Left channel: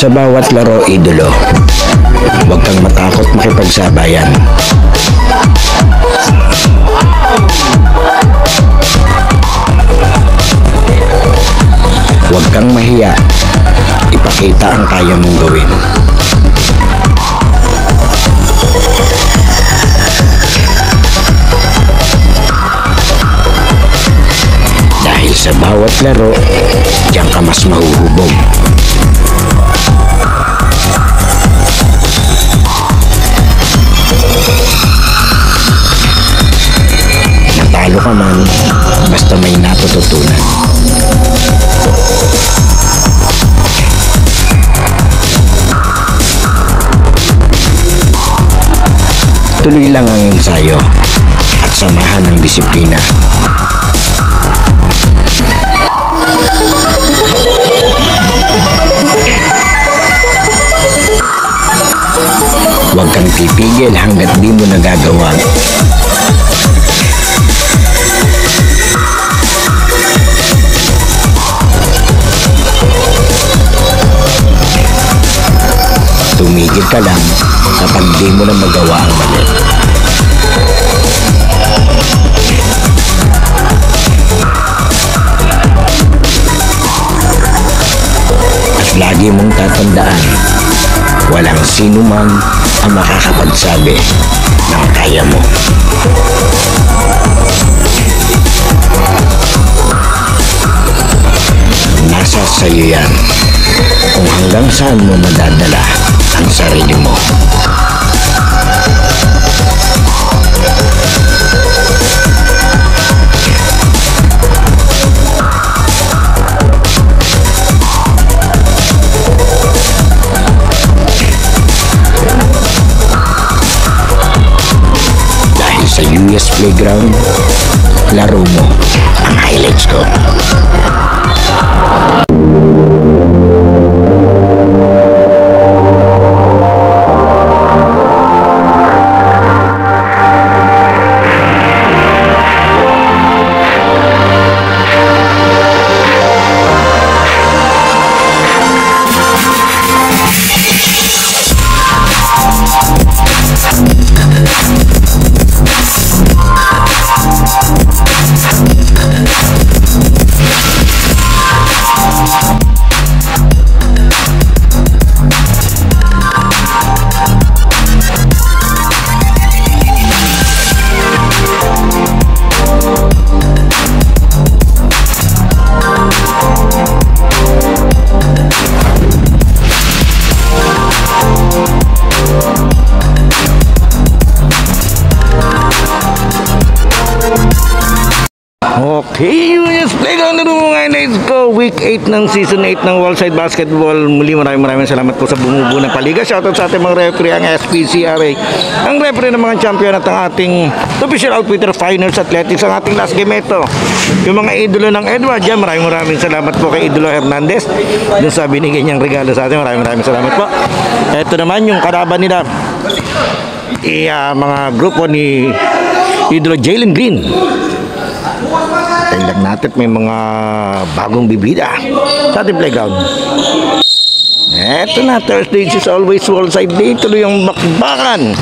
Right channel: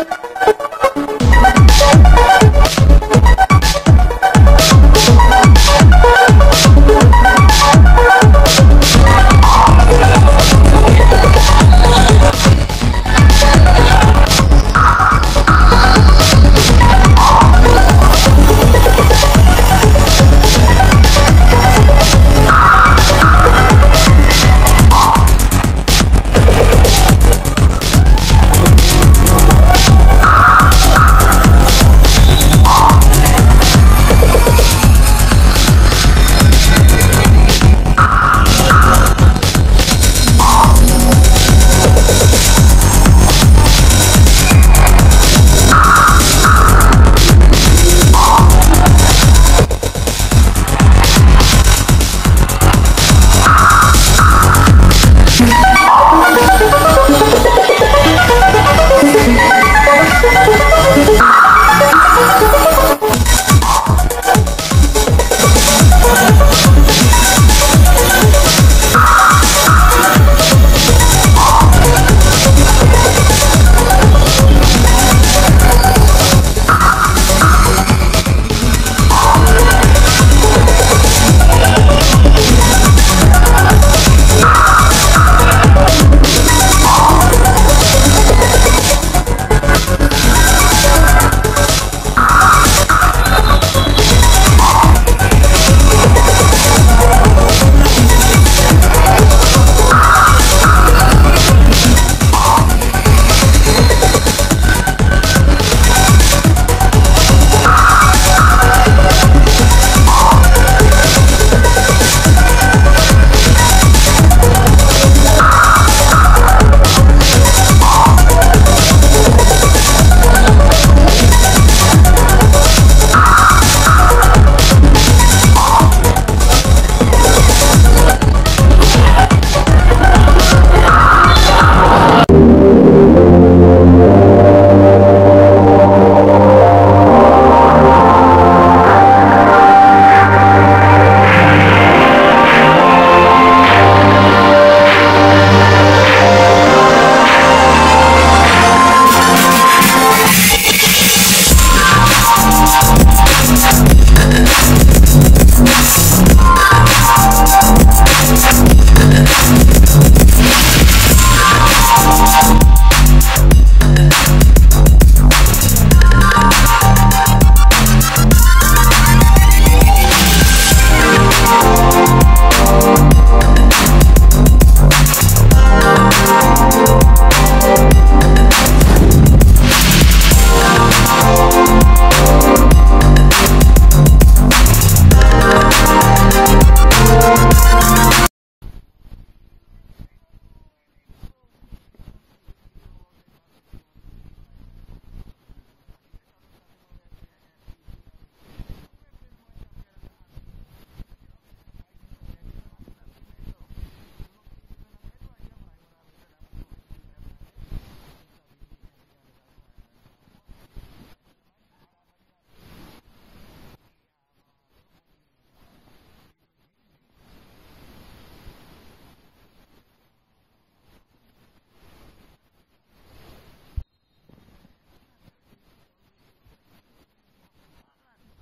Sa bawat laro, idolo, huwag kang matakot makipagsabayan. Huwag kang mahiya, ipakita ang kaya mong gawin. Dahil sa bawat laro, diyan ka mas mahuhubog. Natalo ka man, basta may natututunan. Tuloy lang ang ensayo at samahan ng disiplina. Huwag kang titigil hanggat di mo nagagawa. Tumigil ka lang kapag di mo na magawa. At lagi mong tatandaan, walang sino man ang makakapagsabi na kaya mo. Nasa sa'yo yan kung hanggang saan mo madadala ang sarili mo. Dahil sa US Playground, laro mo ang highlights ko. Okay, US Playground na mo ngayon. Let's go! Week 8 ng Season 8 ng Worldside Basketball. Muli maraming salamat po sa bumubuo ng paliga. Shoutout sa ating mga referee, ang SPCRA, ang referee ng mga champion at ang ating official outfitter Finals Athletics, ang ating last game ito. Yung mga idolo ng Edward dyan, maraming salamat po kay Idolo Hernandez dun sa binigay niyang regalo sa atin. Maraming salamat po. Ito naman yung kalaban nila, mga grupo ni Idolo Jalen Green. Tingnan natin, may mga bagong bibida sa ating playground. Eto na, Thursday is always Worldside Day. Tuloy ang bakbakan.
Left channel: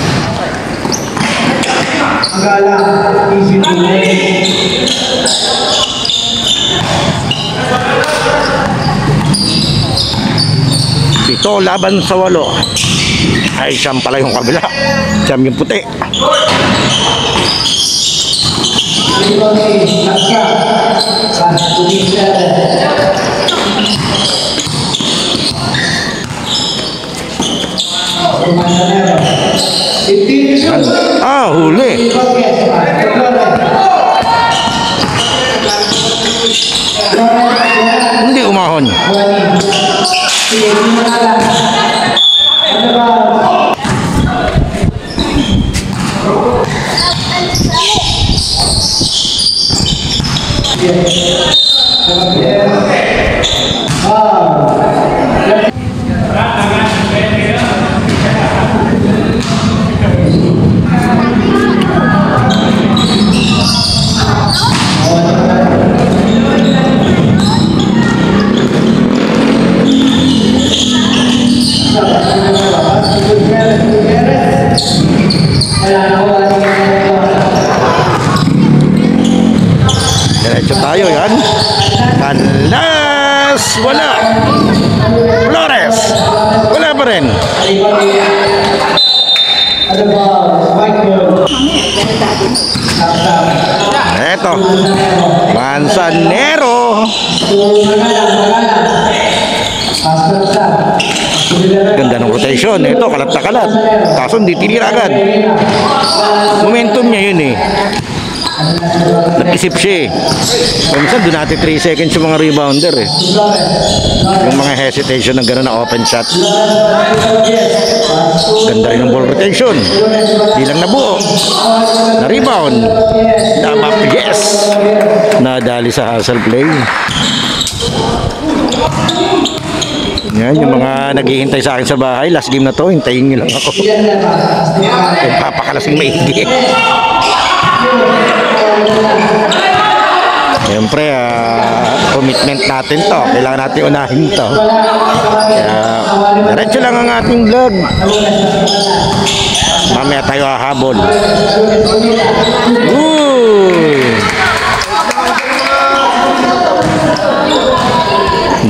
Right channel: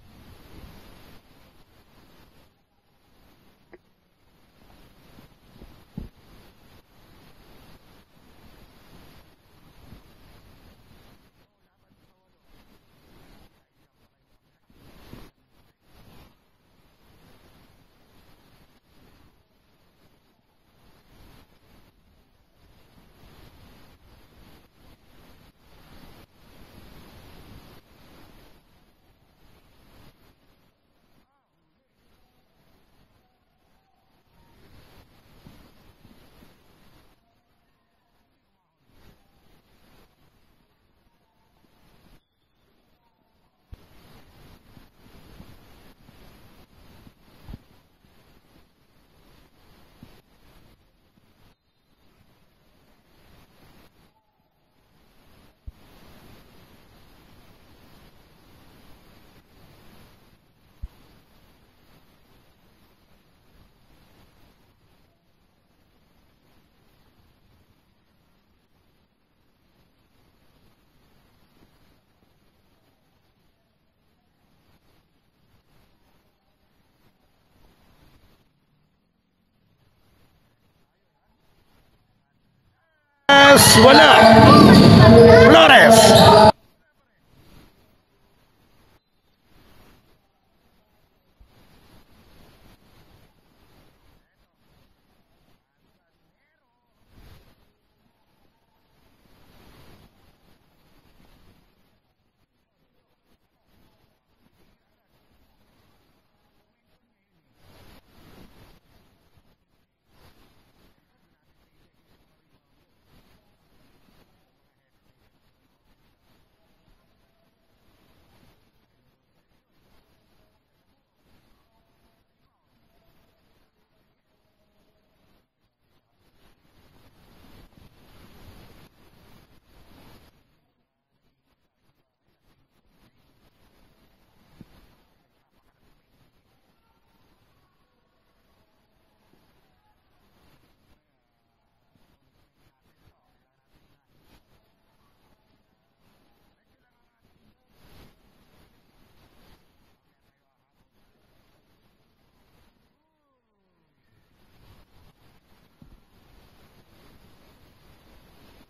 Ito laban sa 8. Ay, siyam pala yung kabila. Siyam yung puti. Huli. Hindi umahon. Ramos, wala. Flores, wala pa rin. Eto, Manzanero. Ganda ng rotation. Ito, kalat na kalat. Kaso hindi tinira agad. Momentum niya yun eh. Nag-isip siya eh. Minsan doon natin 3 seconds yung mga rebounder eh. Yung mga hesitation ng gano'n na open shot. Ganda rin ng ball rotation. Di lang nabuo. Na-rebound. Tama, yes! Nadali sa hustle play. Yan, yung mga naghihintay sa akin sa bahay, last game na to, hintayin nyo lang ako. Yung papakalasing maigi. Siyempre, commitment natin to. Kailangan natin unahin to. Kaya, diretso lang ang ating vlog. Mamaya tayo hahabol.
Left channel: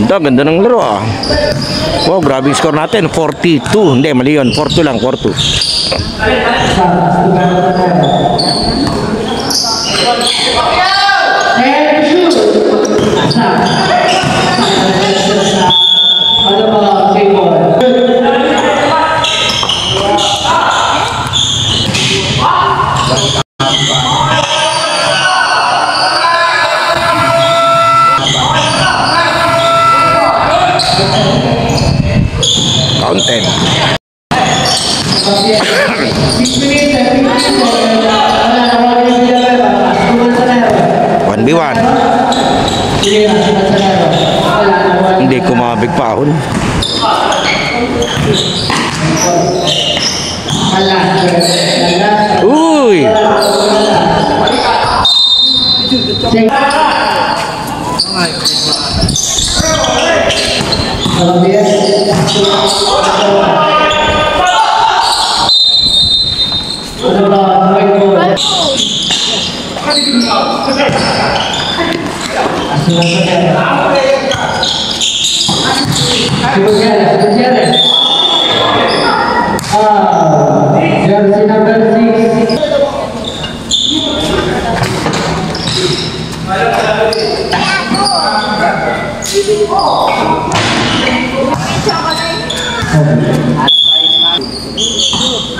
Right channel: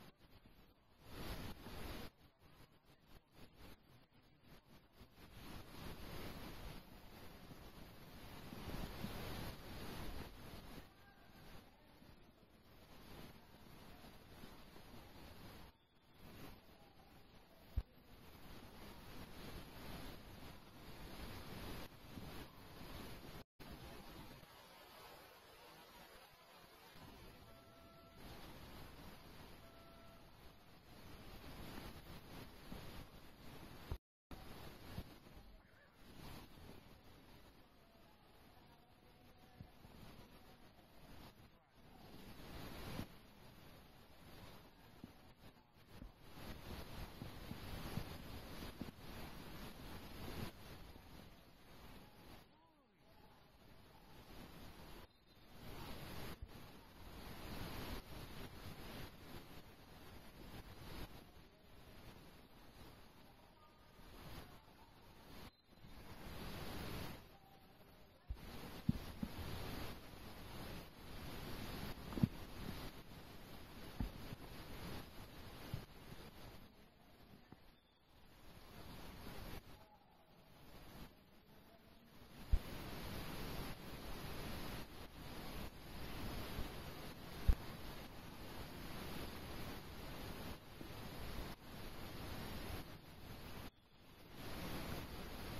Ganda ng laro ah. Wow, grabe yung score natin. 42. Hindi, mali yun. 4-2 lang, 4-2. Counted. 1v1. Hindi kumabig pahon. Uy!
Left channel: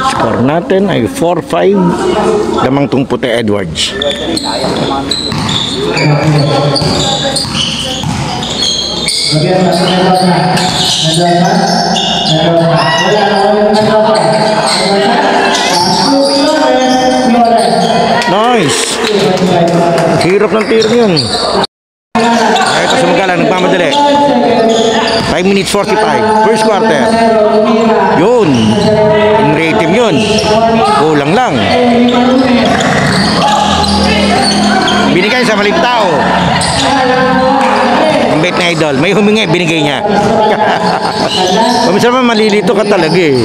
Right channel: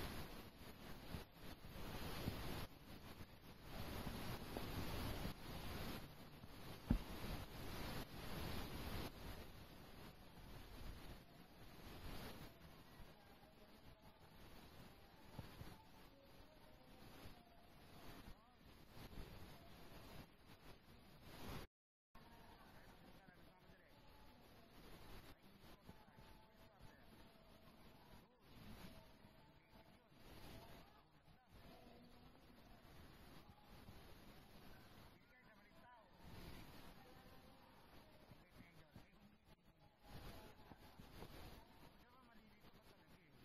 Score natin ay 4-5. Lamang tong puti Edwards. Nice. Hirap ng tiro yun. Ay, ito sumagalan, nagmamadali. 5 minutes 45. First quarter. Yun. In rating yun. Kulang lang. Binigay sa maling tao. Ang bait na idol. May humingi, binigay niya. Paminsan naman malilito ka talaga eh.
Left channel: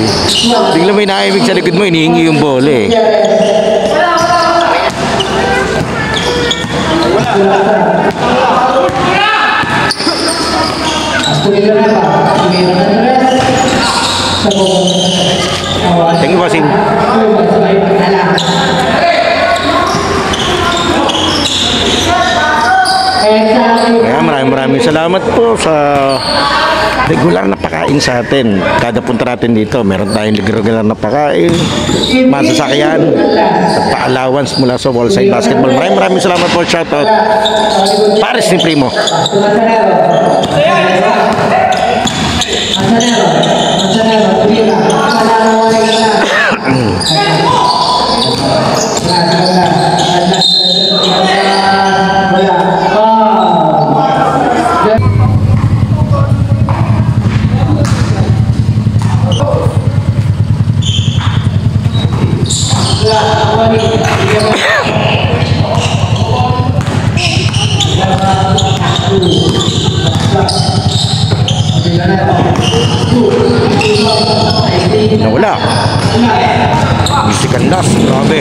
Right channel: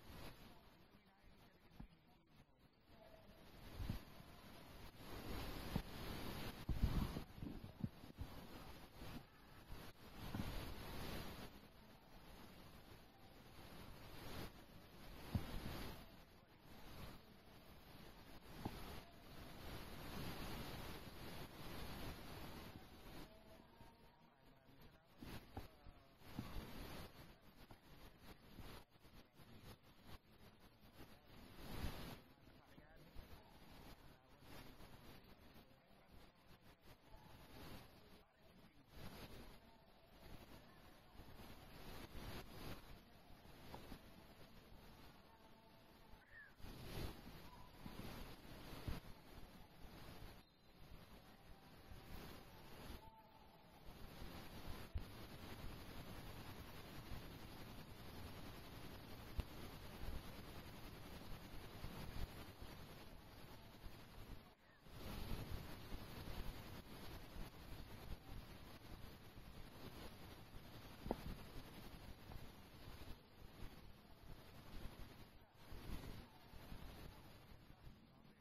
Tingnan may naibig sa likod mo, inihingi yung bola eh. Thank you, bossing. Kaya maraming salamat po sa regular na pakain sa atin. Kada punta natin dito, meron tayong regular na pakain, masasakyan, at pa-allowance mula sa Wallside Basketball. Maraming salamat po. Shoutout Paris ni Primo. Nawala. Mystical loss. Grabe.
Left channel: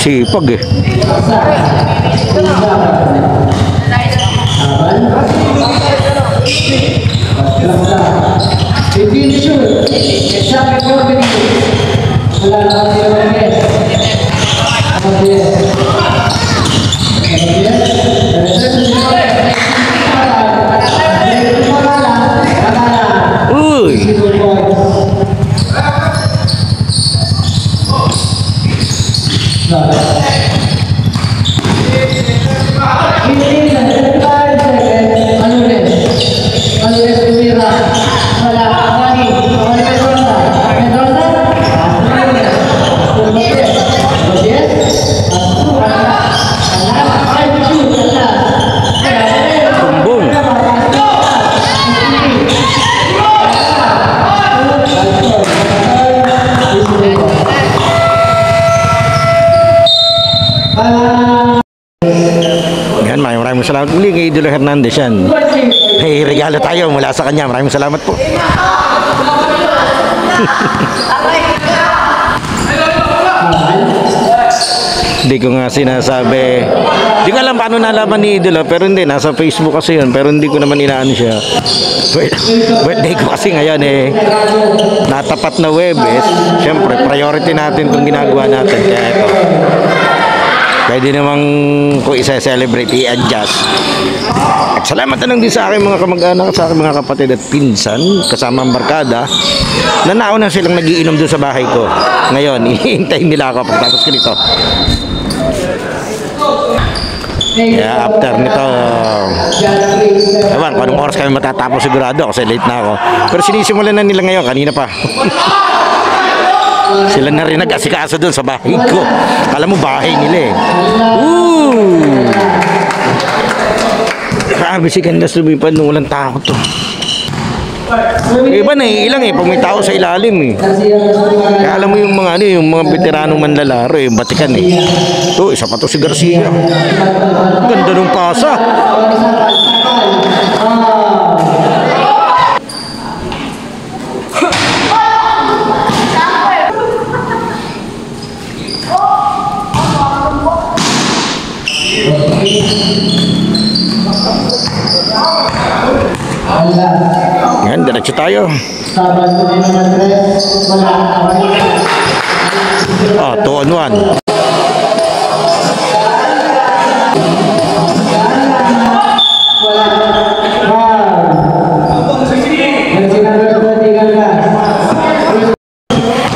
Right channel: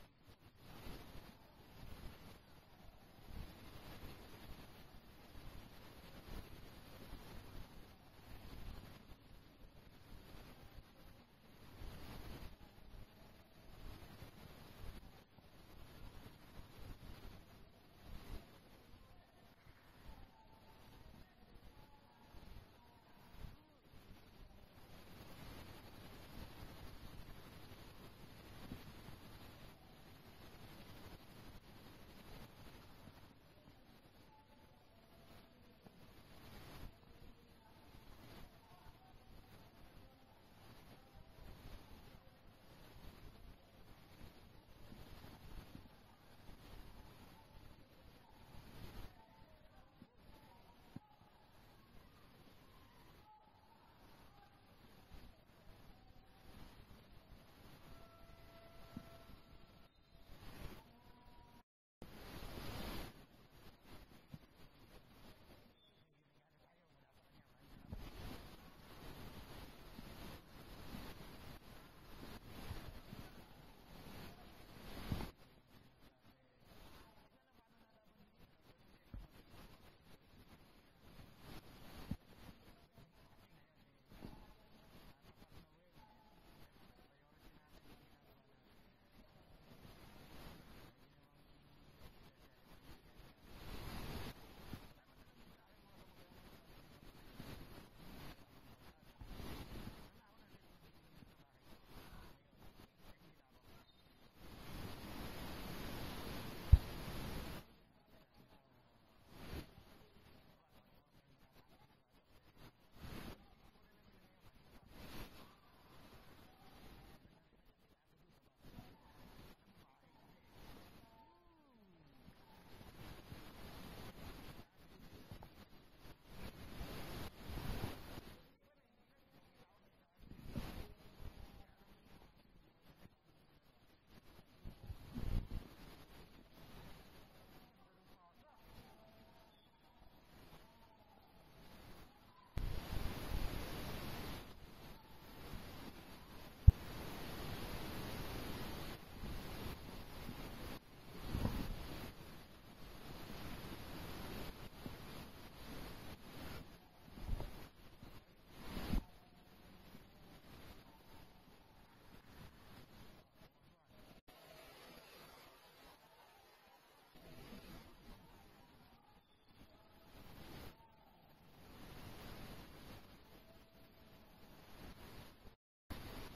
Sipag eh. Maraming salamat muli kay Idolo Hernandez yan. May regalo tayo mula sa kanya. Maraming salamat po. Hindi ko nga sinasabi. Hindi ko alam paano nalaman ni Idolo, pero hindi, nasa Facebook kasi yun, pero hindi ko naman inaano siya. Birthday ko kasi ngayon eh. Natapat na Webes. Siyempre, priority natin itong ginagawa natin. Kaya ito. Pwede namang kung isa-celebrate, i-adjust. At salamat na lang din sa aking mga kamag-anak, sa aking mga kapatid at pinsan, kasama ang barkada, na nauna silang nagiinom doon sa bahay ko. Ngayon, ihintayin nila ako pagtapos ko nito. Kaya after nito, ewan, kung anong oras kami matatapos sigurado kasi late na ako. Pero sinisimulan na nila ngayon, kanina pa. Sila na rin nag-asikaso doon sa bahay ko. Alam mo, bahay nila eh. Grabe si Canlas lumipad nung walang tao to. Iba na ilang eh, pag may tao sa ilalim eh. Kaya alam mo yung mga ano, yung mga veteranong manlalaro eh, yung batikan eh. Ito, isa pa to si Garcia. Ganda nung pasa. Yan, diretso tayo. Ah, 2 on 1.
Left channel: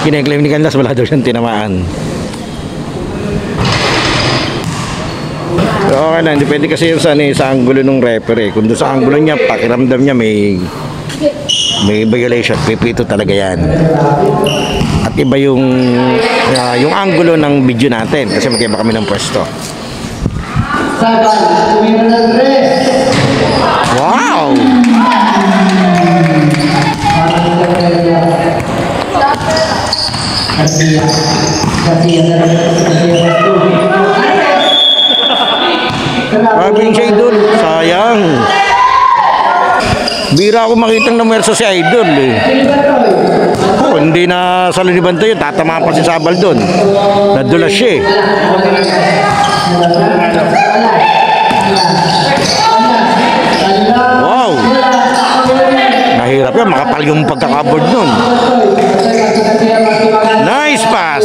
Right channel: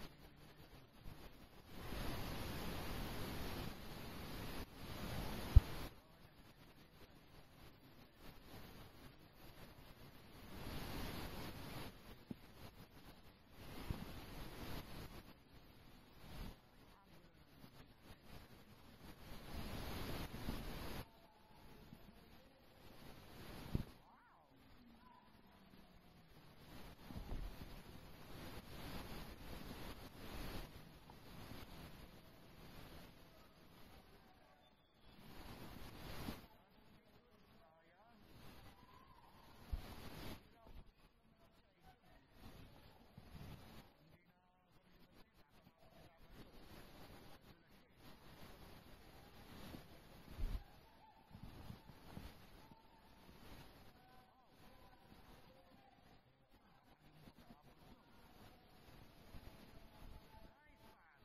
Kine-claim ni Canlas, wala daw siyang tinamaan. Okay lang, depende kasi yung sa angulo ng referee. Kung doon sa angulo niya, pakiramdam niya may violation, pipito talaga yan. At iba yung angulo ng video natin kasi magkaiba kami ng pwesto. Wow! Grabe yung si Idol, sayang. Bira ako makitang namerso si Idol eh. Oh, hindi na sa liniban to yun, tatamaan pa si Sabal doon. Nadulas siya eh. Wow! Nahirap yan, makapal yung pagkakaboard nun. Nice pass!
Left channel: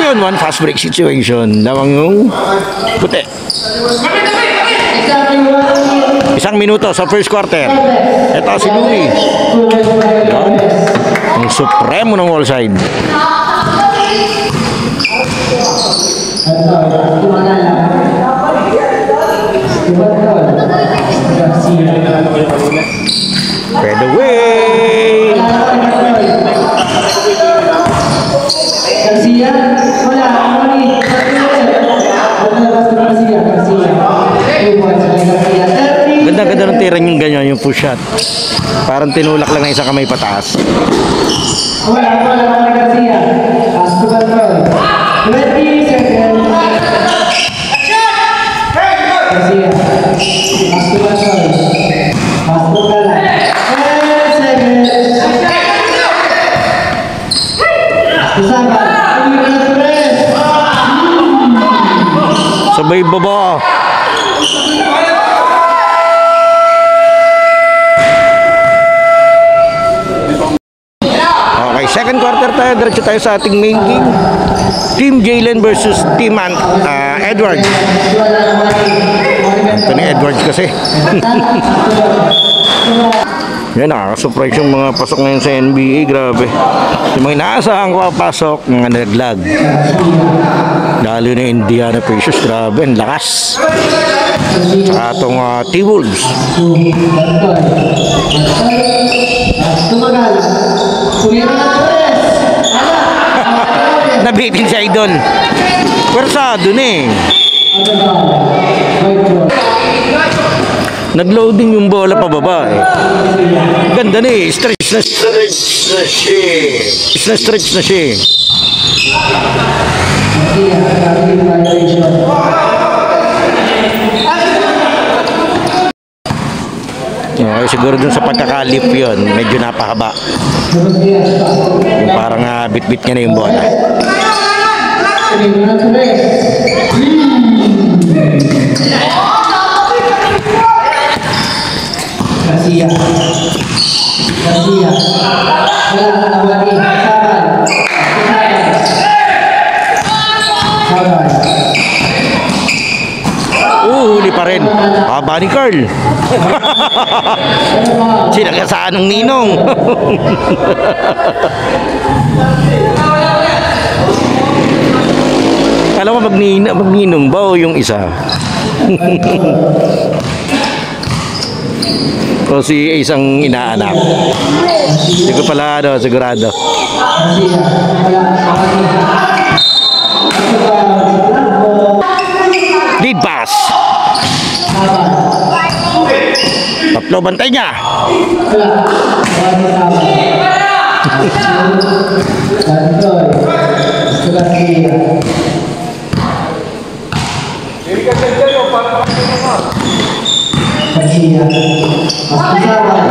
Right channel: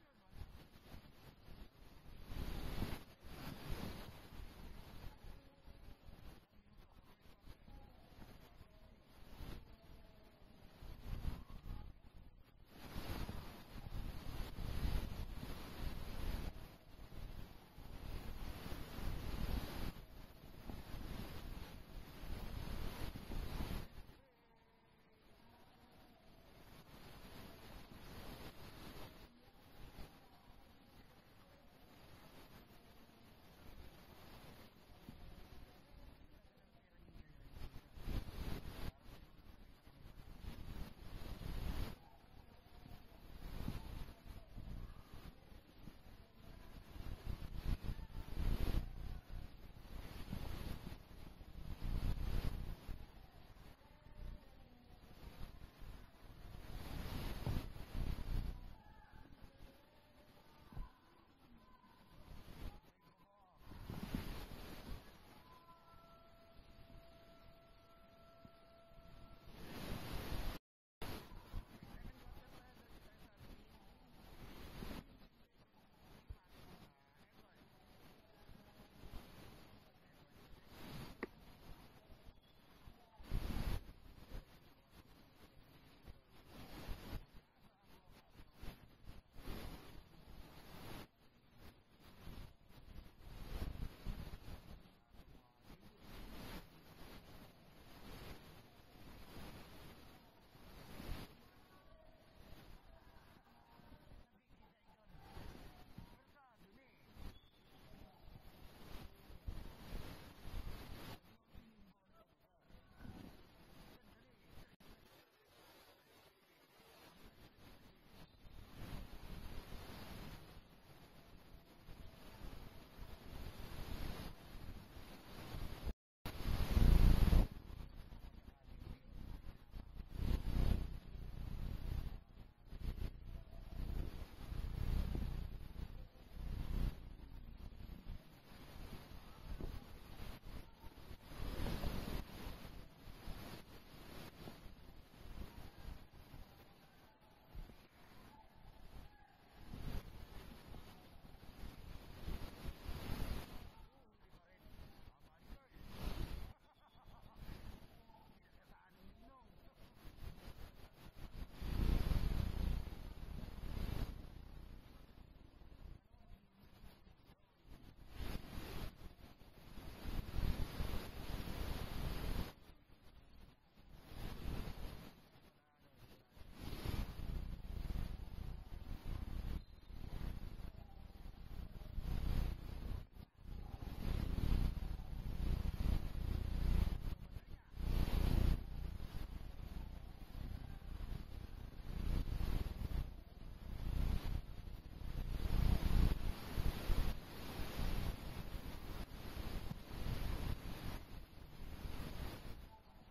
Yun, one fast break situation. Lawang yung puti. 1 minuto sa first quarter. Ito si Louie. Yan. Ang supremo ng wall side. Fade away. Ganda ng tira yung ganyan, yung push shot. Parang tinulak lang ng isang kamay pataas. sabay baba. Okay, second quarter tayo. Diretso tayo sa ating main game. Team Jalen versus Team Edwards. Anthony Edwards kasi. Yan, nakaka-surprise yung mga pasok ngayon sa NBA. Grabe. Yung mga inaasahan ko papasok, mga naglag. Lalo na Indiana Pacers. Grabe, ang lakas. Saka itong T-Wolves. Nabitin si Idol. Pwersado na eh. Nag-loading yung bola pababa eh. Ganda na eh. Stretch na siya. Stretch na siya. Okay, siguro dun sa pagkakalip yun, medyo napahaba. Yung parang bit-bit niya na yung bola. Garcia. Huli pa rin. Haba ni Carl. Sinagasaan ng ninong. Alam mo magninong ba o yung isa? O si isang inaanak. Hindi ko pala sigurado. Lead pass. Tatlo, bantay niya.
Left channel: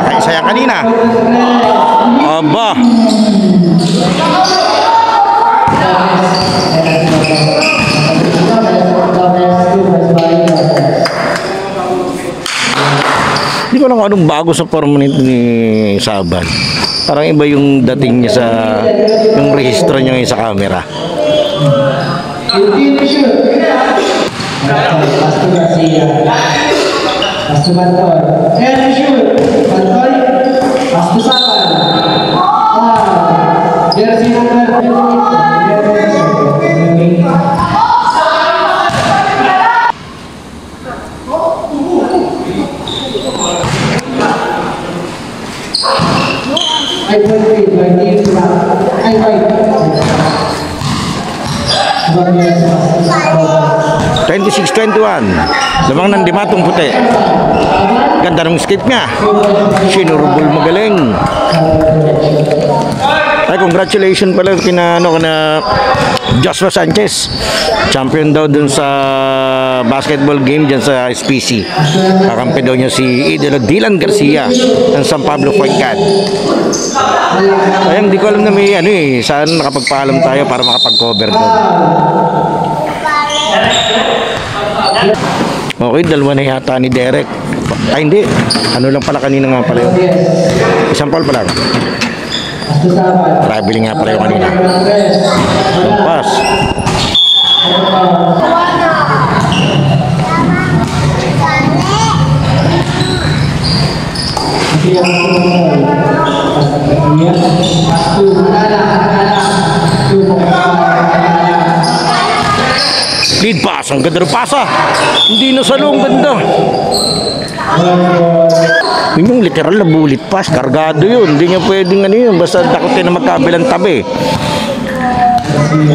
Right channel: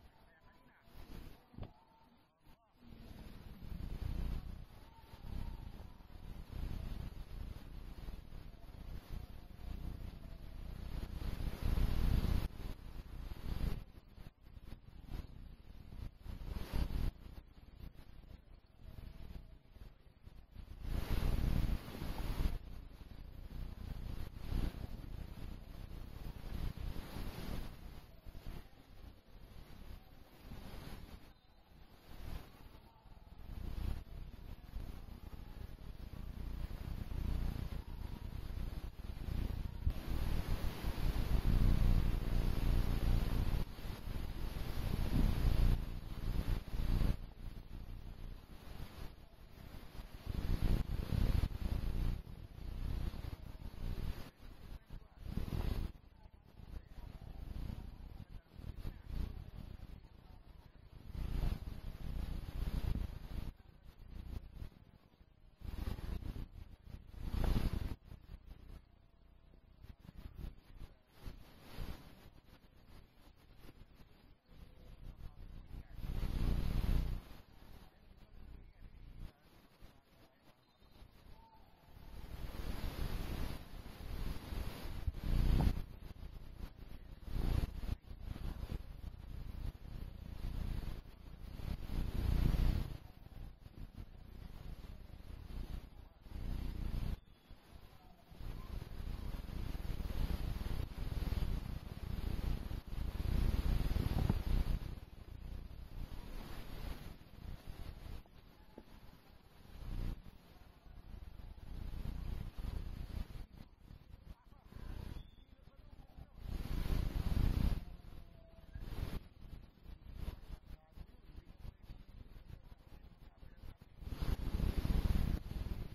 Nakisayang kanina. Aba. Hindi ko lang anong bago sa forma ni Saban. Parang iba yung dating niya sa yung rehistro niya sa camera. Pasto Bantor. And shoot. Bantor. Pasto Saban. Jersey number 26-21. Lamang ng Dimatong puti. Ganda ng skate niya. Sinurubol magaling. Ay, congratulations pala kina Joshua Sanchez. Champion daw dun sa basketball game dyan sa SPC. Kakampi daw niya si Idolo Dylan Garcia ng San Pablo Fuencan. Ay, hindi ko alam na may saan nakapagpaalam tayo para makapag-cover doon. Okay, dalawa na yata ni Derek. Ay, hindi. Ano lang pala kanina nga pala yun. Isang foul pala. Traveling nga pala yung kanina. Pass. Lead pass, ang ganda ng pasa. Hindi na salo, ang ganda. Yun yung literal na bullet pass, kargado yun. Hindi niya pwedeng yun, basta dakotin na magkabilang tabi.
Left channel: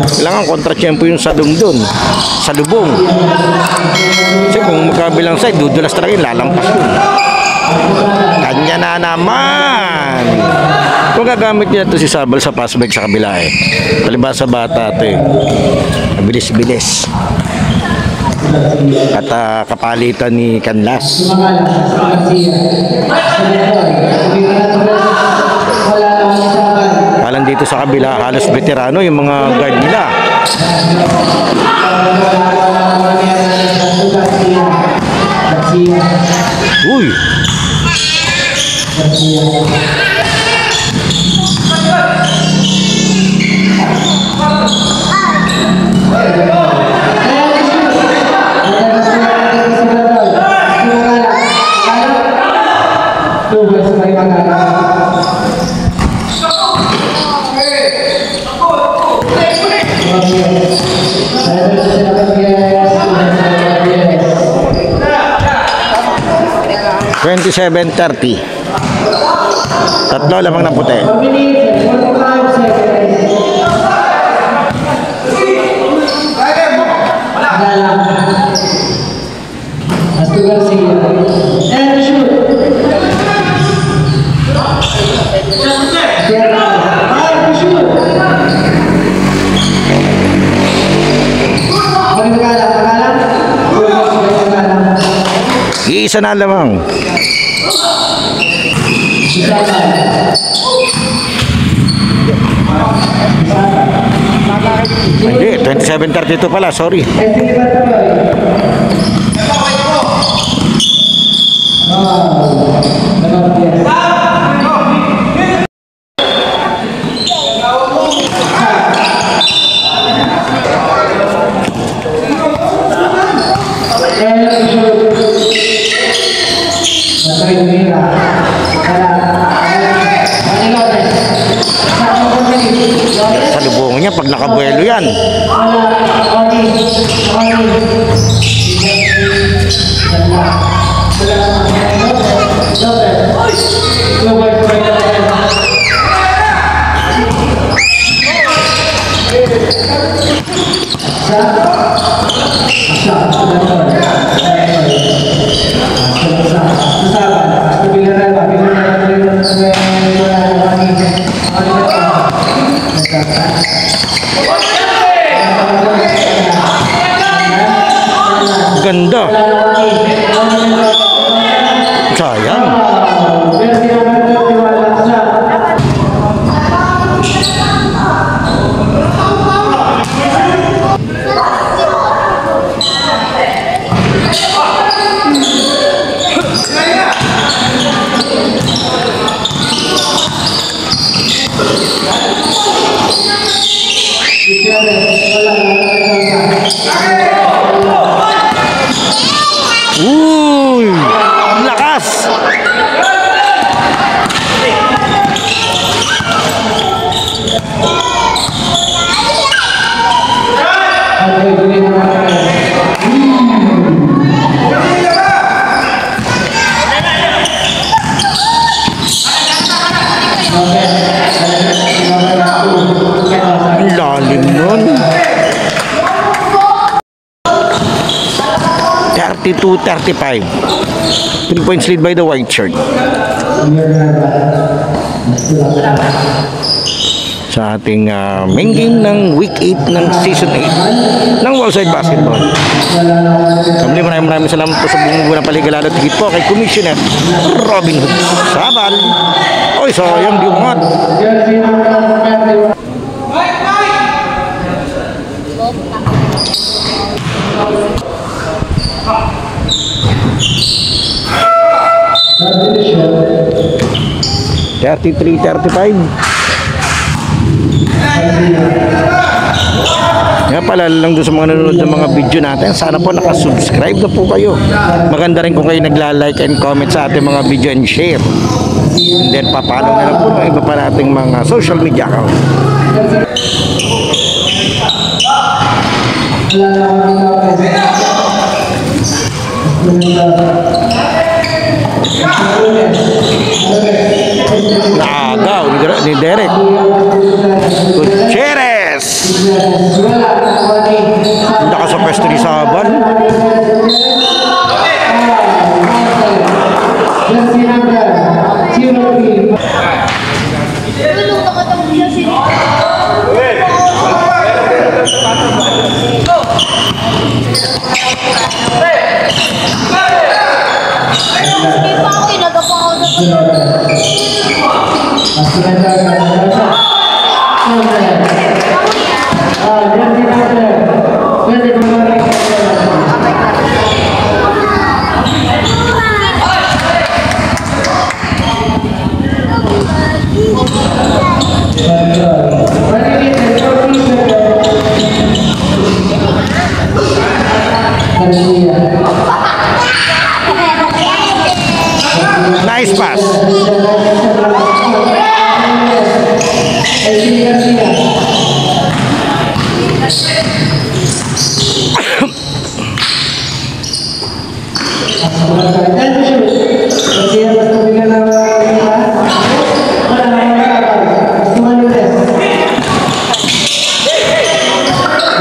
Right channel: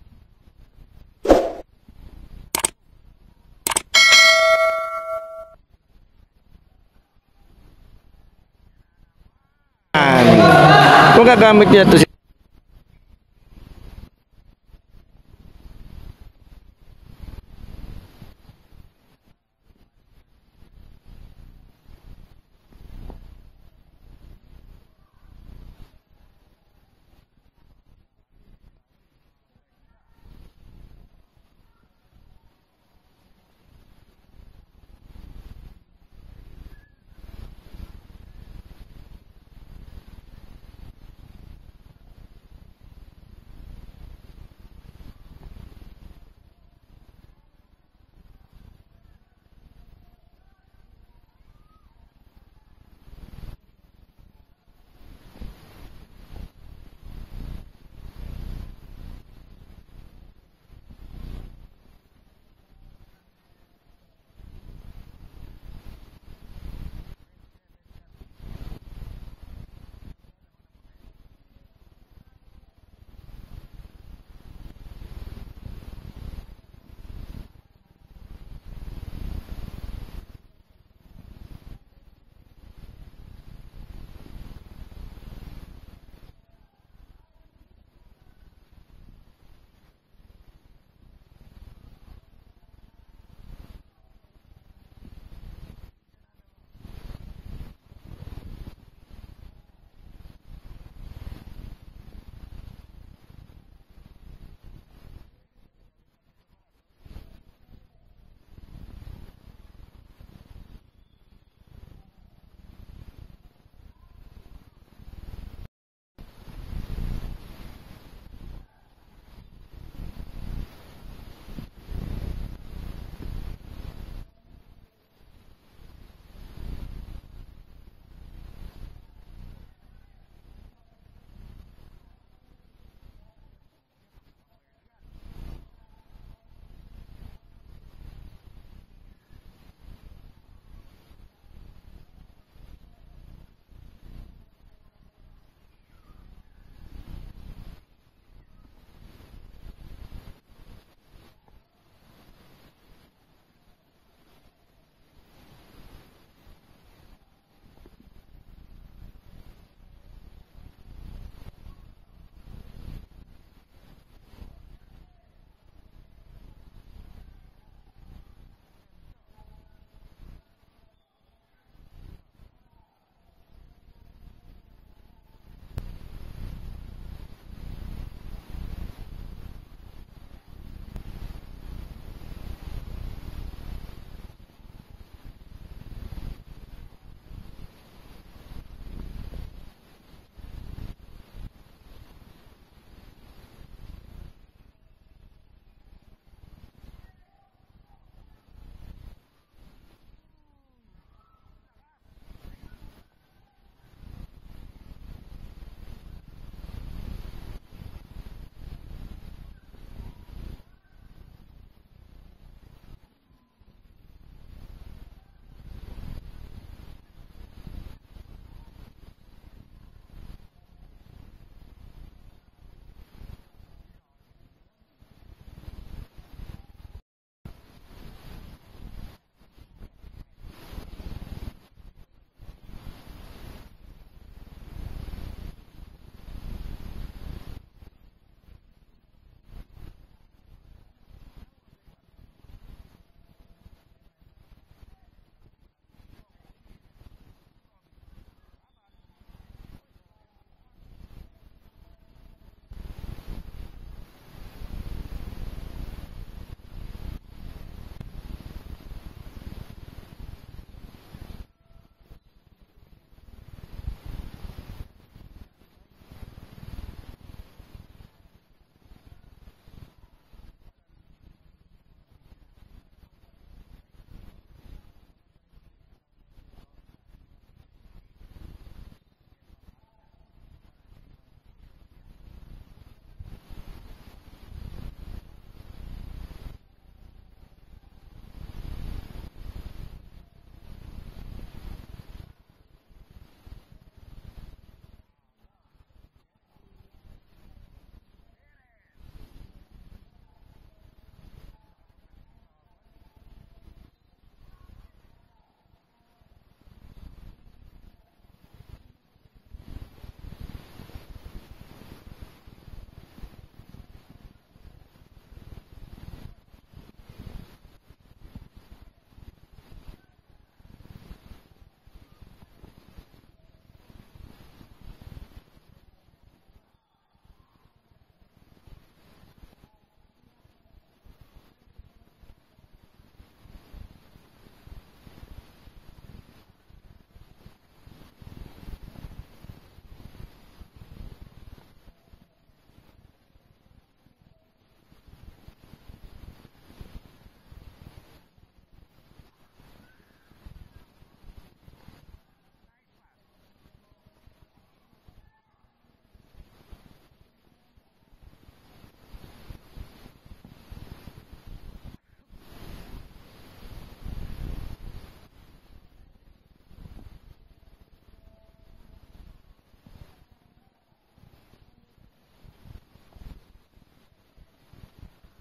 Kailangan kontra-tiyempo yung salong dun, salubong. Kasi kung magkabilang side, dudulas talaga yun, lalampas yun. Kanya na naman. Kung gagamit niya ito si Sabal sa pass break sa kabila palibasa bata ito Bilis-bilis. At kapalitan ni Canlas. Halang dito sa kabila, halos veterano yung mga guard nila. 27-30. Tatlo lamang ng puti. Isa na lamang. Hindi, 27-32 pala, sorry. Salubungan niya pag nakabuelo yan. Ganda. Sayang. Uy, lakas. Lalim nun. 32-35. 3 points lead by the white shirt. Sa ating main game ng week 8 ng season 8 ng Wallside Basketball. Maraming salamat po sa bumubuo ng paliga, lalo tigit po kay Commissioner Robin Hood Sabal. Oy, sayang di umat. $33-35. Nga pala lang doon sa mga nanonood ng mga video natin, sana po nakasubscribe na po kayo. Maganda rin kung kayo nagla-like and comment sa ating mga video and share. And then papalo na lang po ng iba pa nating mga social media account. Naagaw ni Derek Gutierrez. Naka sa pwesto ni Saban.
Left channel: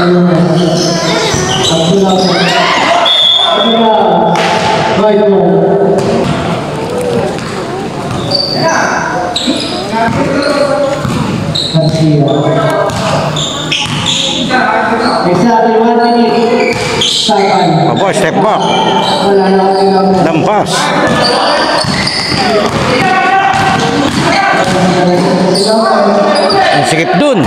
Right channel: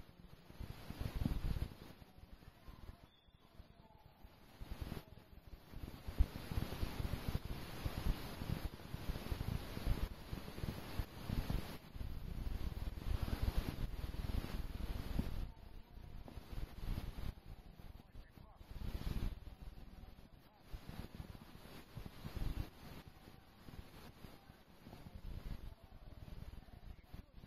Abo, step back. Lampas. Ang sikip dun.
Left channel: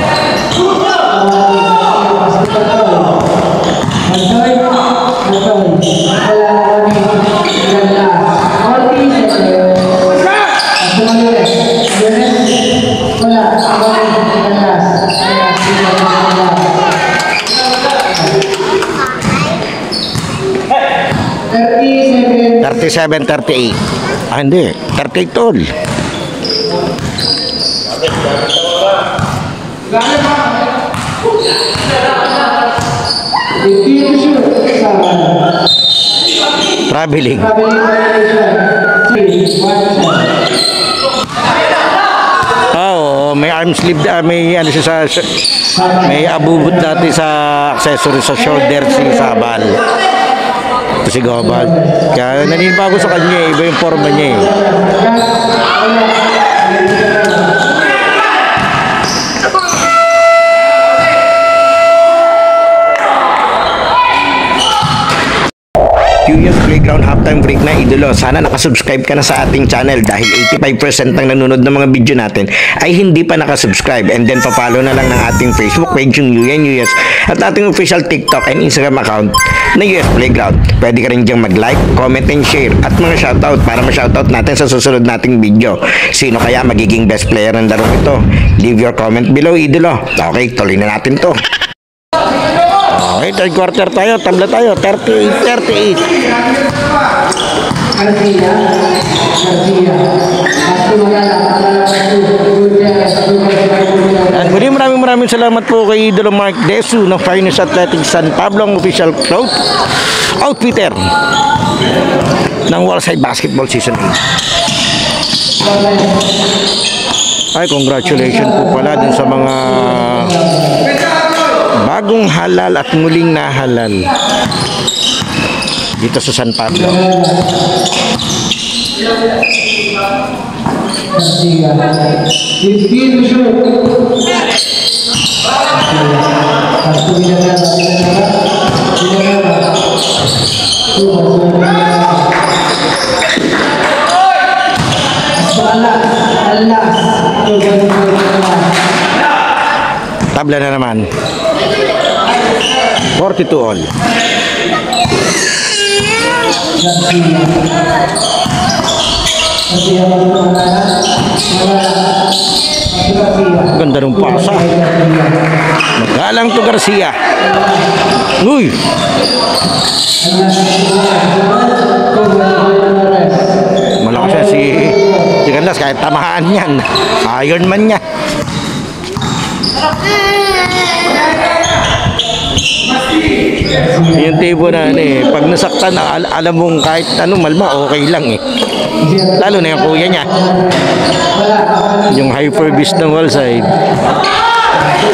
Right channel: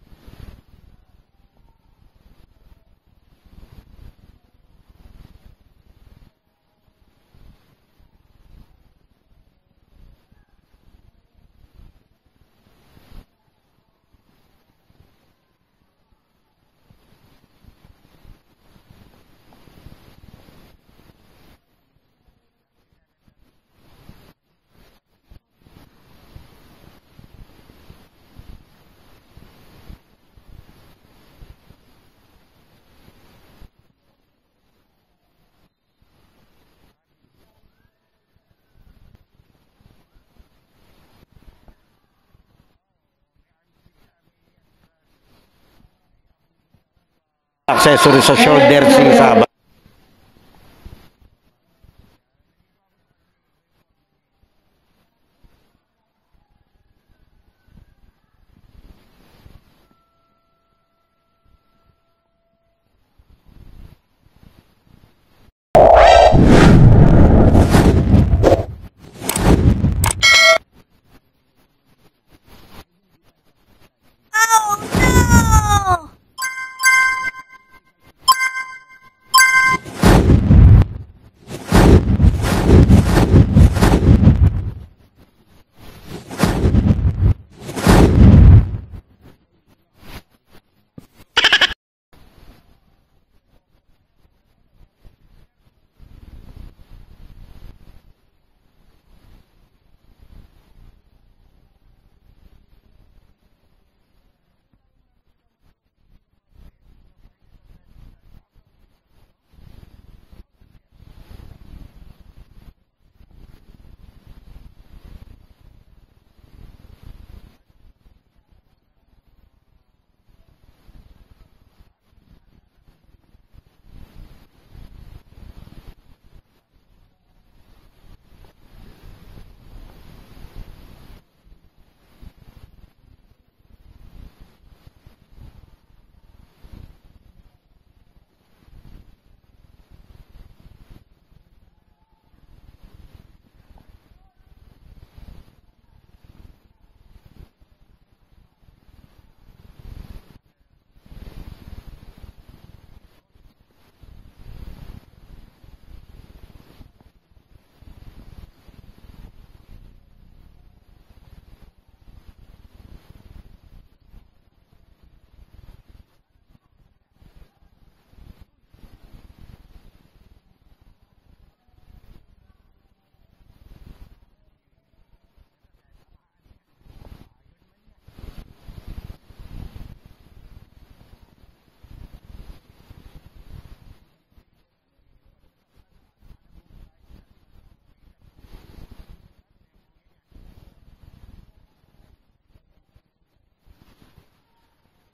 Seven 38. Ah, hindi. 38 tol. Traveling. Oh, may arm sleeve, may ano siya sa may abubot dati sa accessory sa shoulder si Sabal. Si Gobal. Kaya naninibago sa kanya eh. Iba yung forma niya eh. Playground halftime break na idolo. Sana nakasubscribe ka na sa ating channel dahil 85% ng nanonood ng mga video natin ay hindi pa nakasubscribe, and then papalo na lang ng ating Facebook page yung UNUS at ating official TikTok and Instagram account na US Playground. Pwede ka rin diyang mag-like, comment and share at mga shoutout para ma-shoutout natin sa susunod nating video. Sino kaya magiging best player ng larong ito? Leave your comment below idolo. Okay, tuloy na natin to. Okay, third quarter tayo, tabla tayo, 38-38. And maraming salamat po kay Idolo Mark Desu ng Finest Athletics San Pablo, ang official outfitter ng Wallside Basketball Season 8. Ay, congratulations po pala din sa mga bagong halal at muling nahalal dito sa San Pablo. Tabla na naman. 42 all. Ganda ng pasa. Magalang to Garcia. Uy! Malakas siya si Gandas kahit tamahaan yan. Iron Man niya. Yung tipo na ano eh, pag nasaktan alam mong kahit ano malma okay lang eh. Lalo na yung kuya niya, yung hyper beast ng Wallside.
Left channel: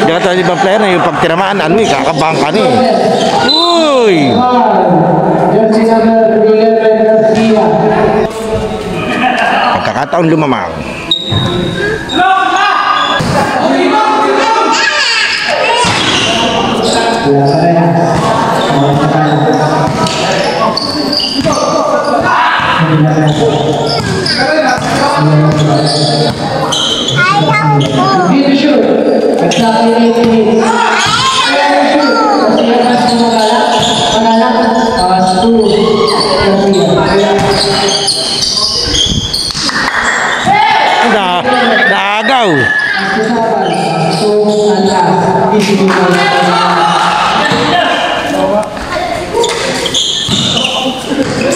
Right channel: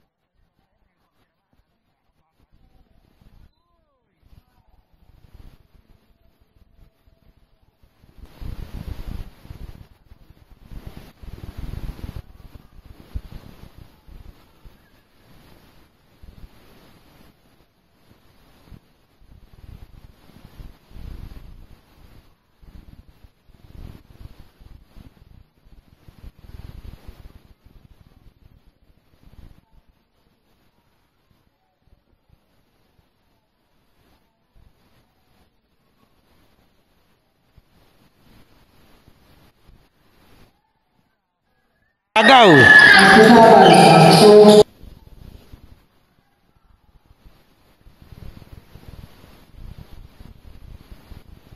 Dito ibang player na yung pag tinamaan ano eh, kakabahan ka na eh. Uy! Pagkakataon lumamang. Naagaw.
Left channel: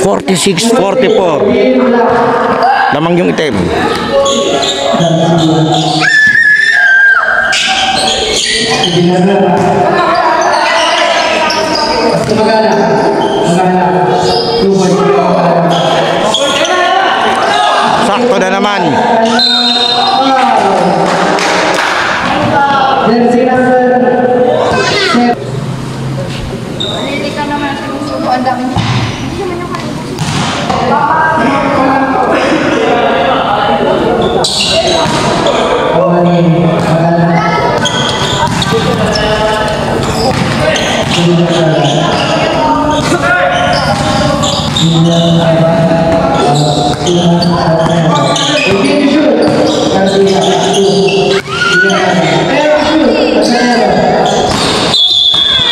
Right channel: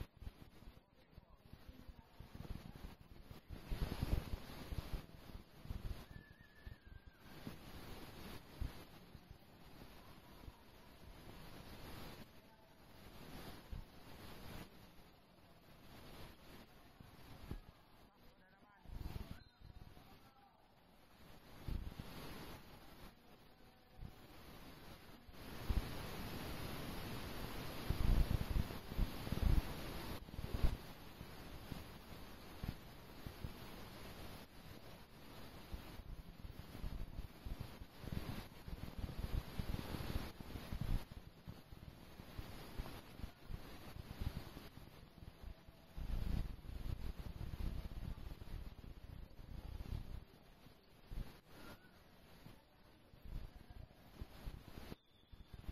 46-44. Lamang yung item. Sakto na naman. ang daming.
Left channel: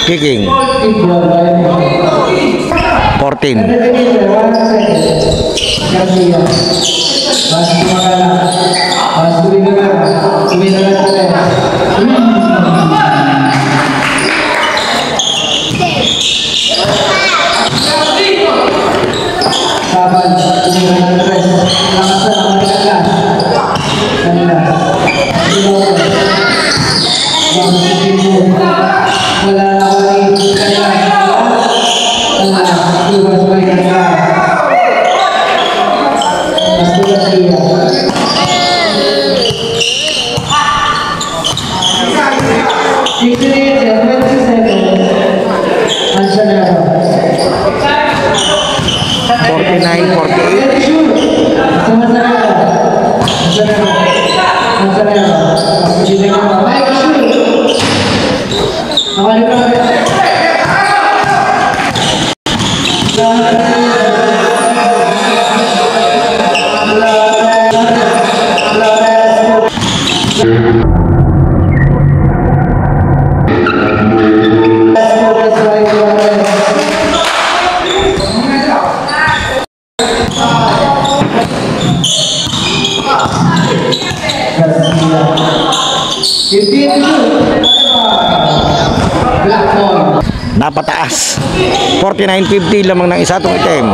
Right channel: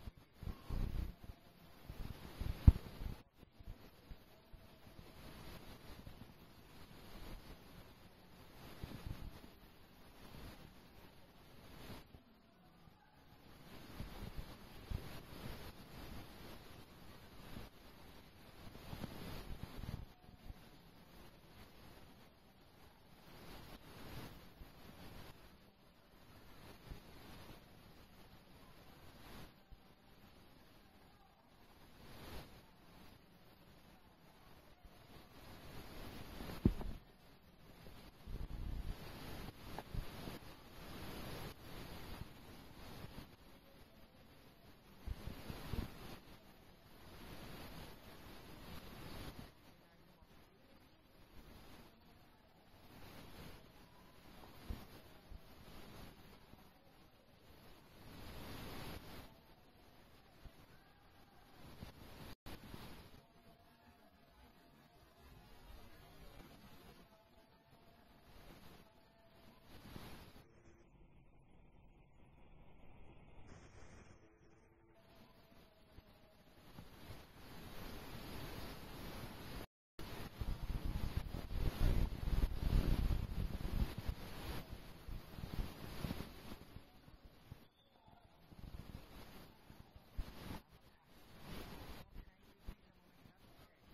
Kicking. 14. Napataas. 49-50 lamang ng isa itong item.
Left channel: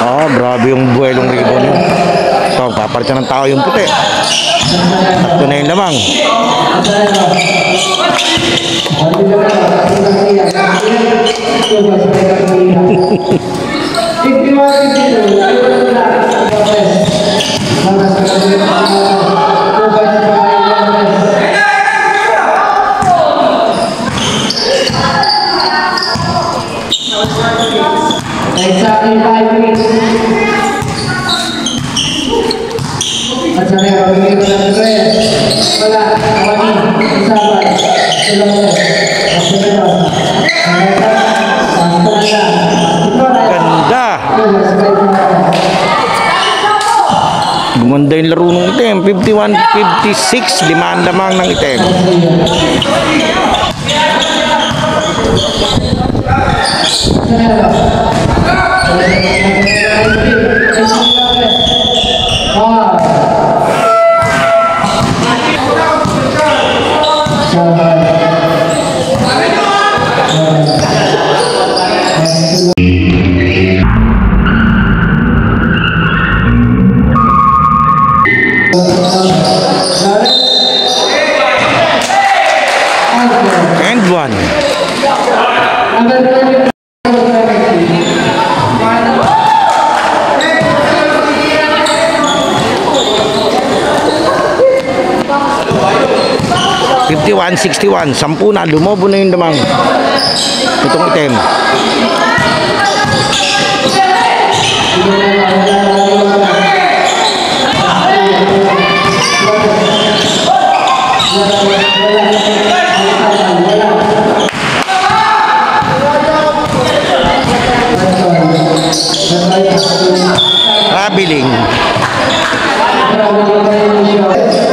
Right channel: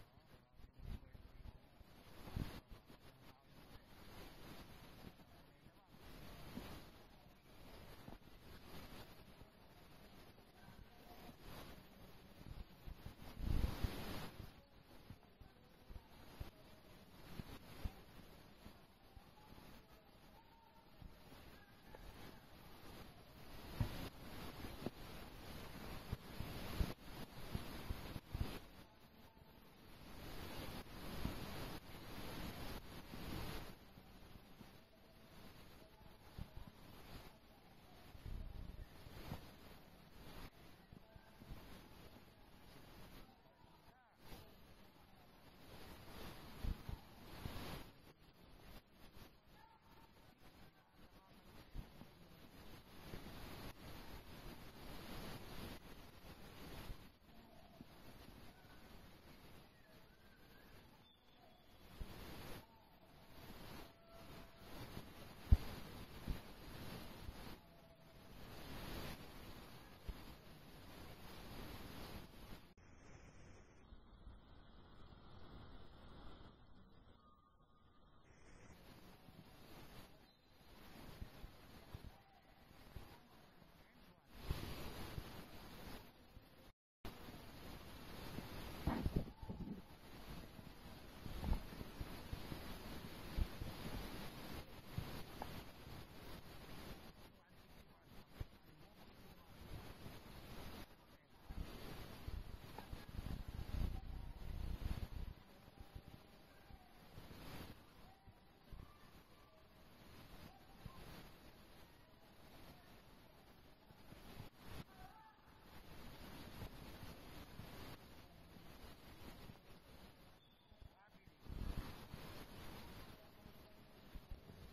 Oh, grabe yung buwelong ribbon yun. So, papalitan ng tao yung puti. Ito na yun lamang. Gumanda yung laro ng item. 51-56, limaan lamang ng item. And one. 51-61, 10 na, lumobo na yung damang itong item. Rabiling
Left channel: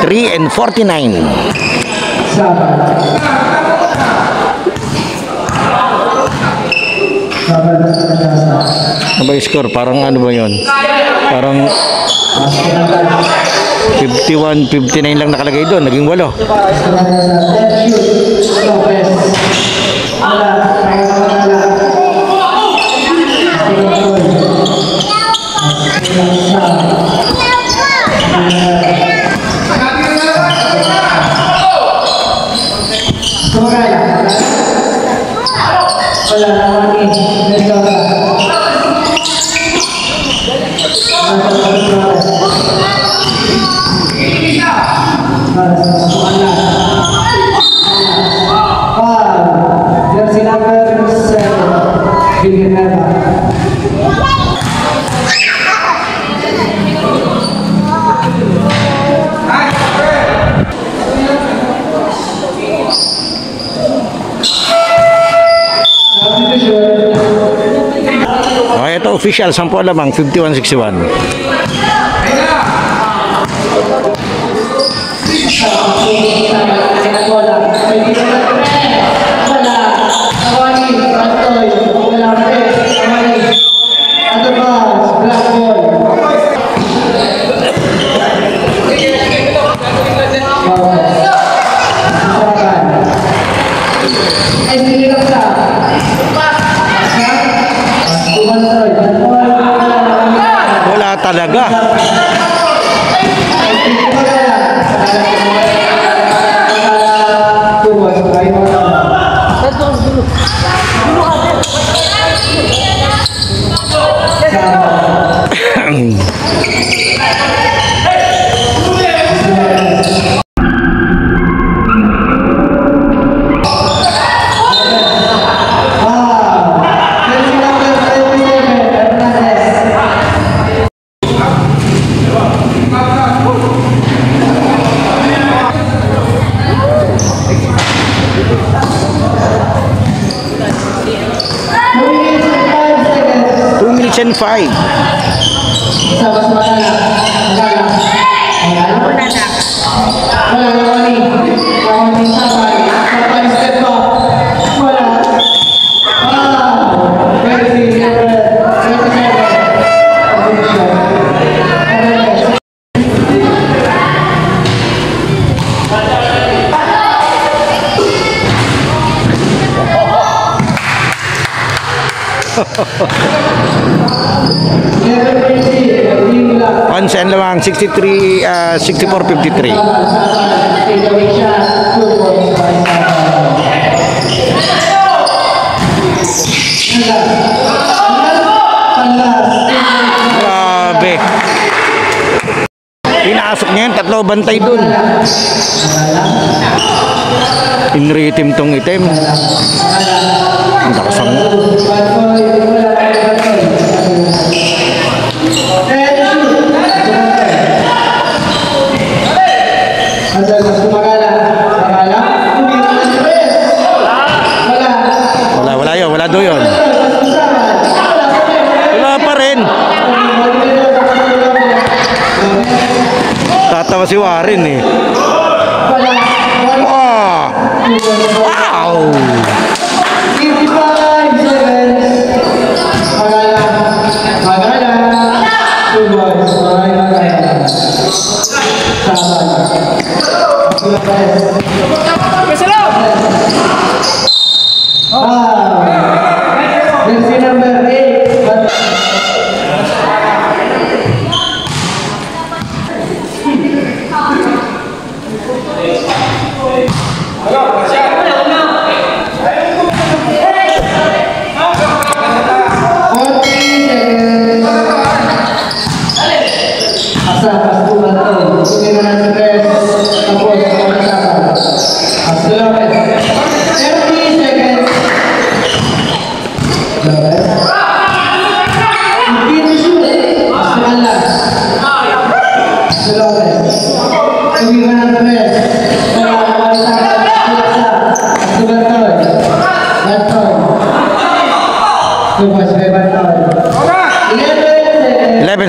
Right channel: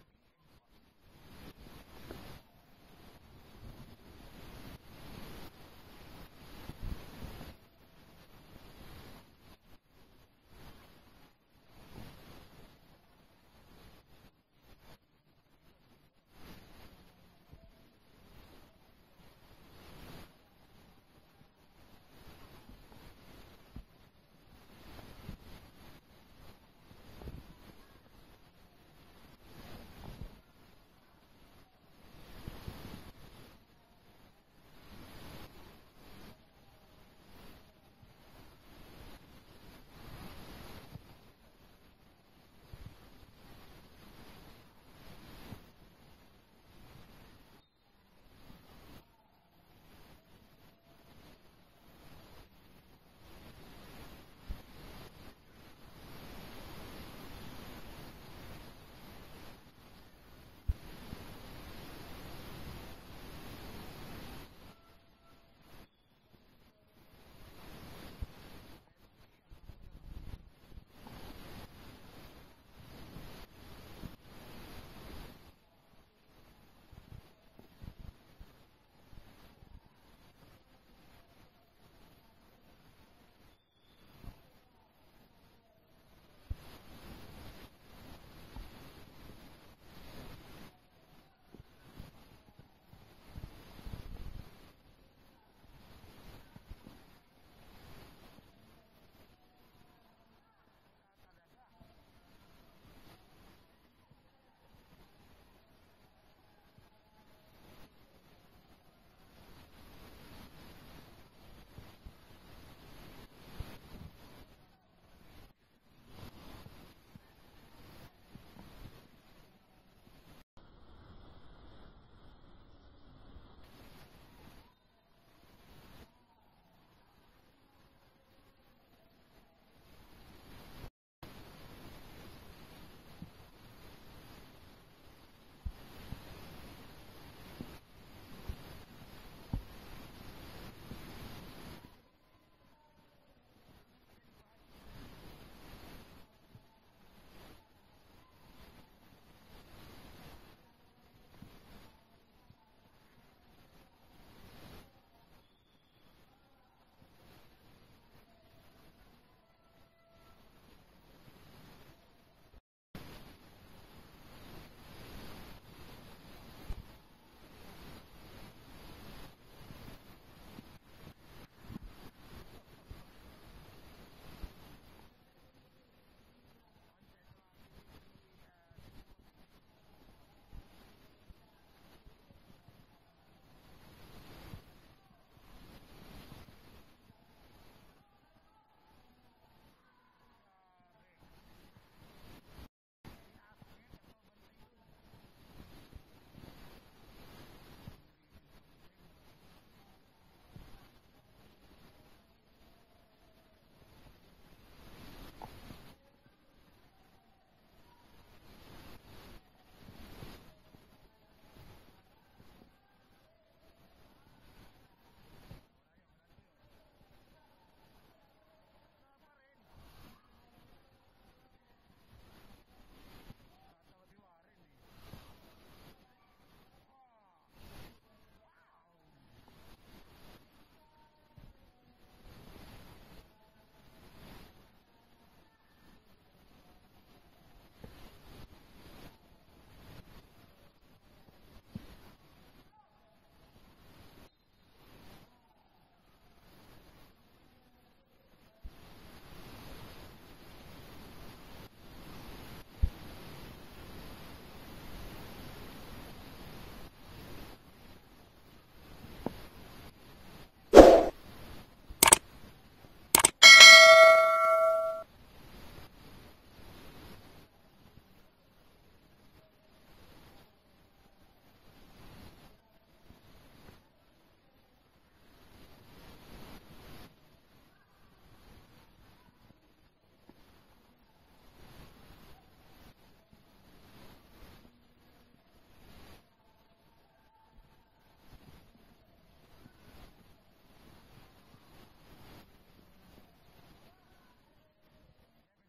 3-49. Ano ba yung score? Parang ano ba yun? Parang 51-59 lang nakalagay doon. Naging 8. Wala Ito official, 10 lamang, 51-61. Wala talaga. And 5. Once and lamang 63 64-53. Grabe. Pinasok niya yun, tatlo bantay dun. In-rhythm tong item. Ang nakasang. Wala do yun. Wala pa rin. Tatawa si Warren eh. Oh. Wow.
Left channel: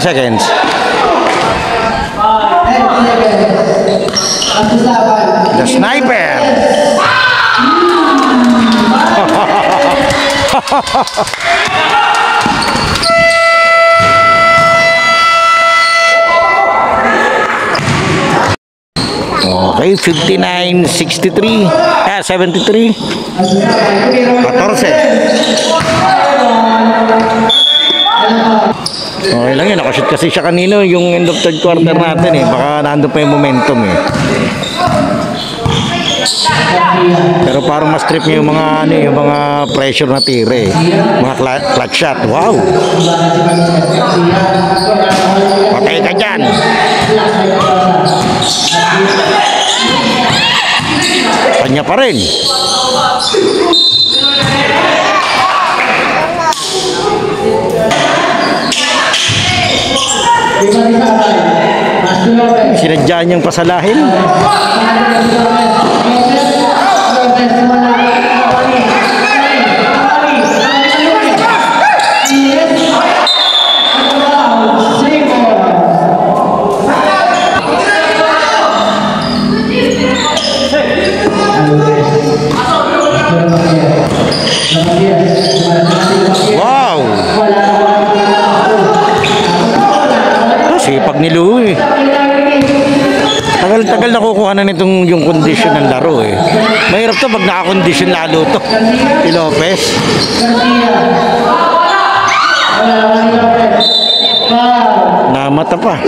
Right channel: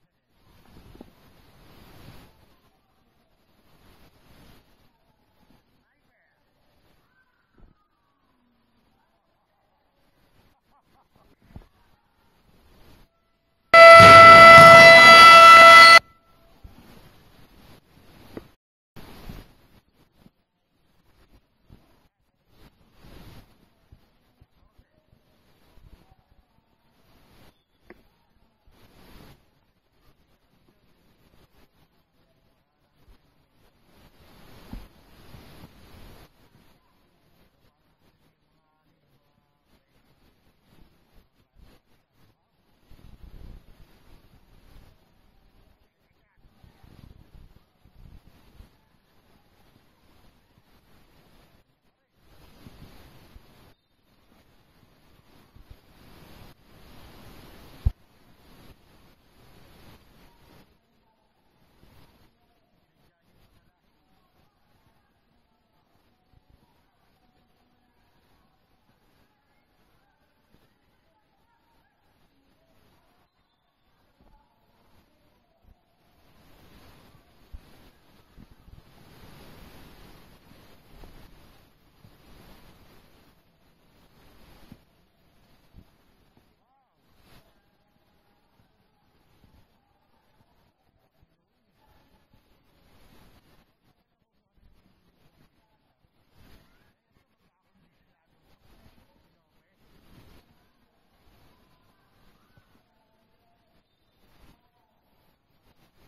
Seconds. The sniper. Okay, 59-63. 73. 14. Okay lang yun, nakashoot kasi siya kanino yung end of third quarter natin eh. Baka nandun pa yung momentum eh. Pero parang mas trip niya yung mga ano, yung mga pressure na tire eh. Mga clutch shot. Wow. Patay ka dyan. Kanya pa rin. Sinadya niyang pasalahin. kondisyon ng laro eh. Mahirap to pag nakakondisyon lalo to. Si Lopez. Namata pa.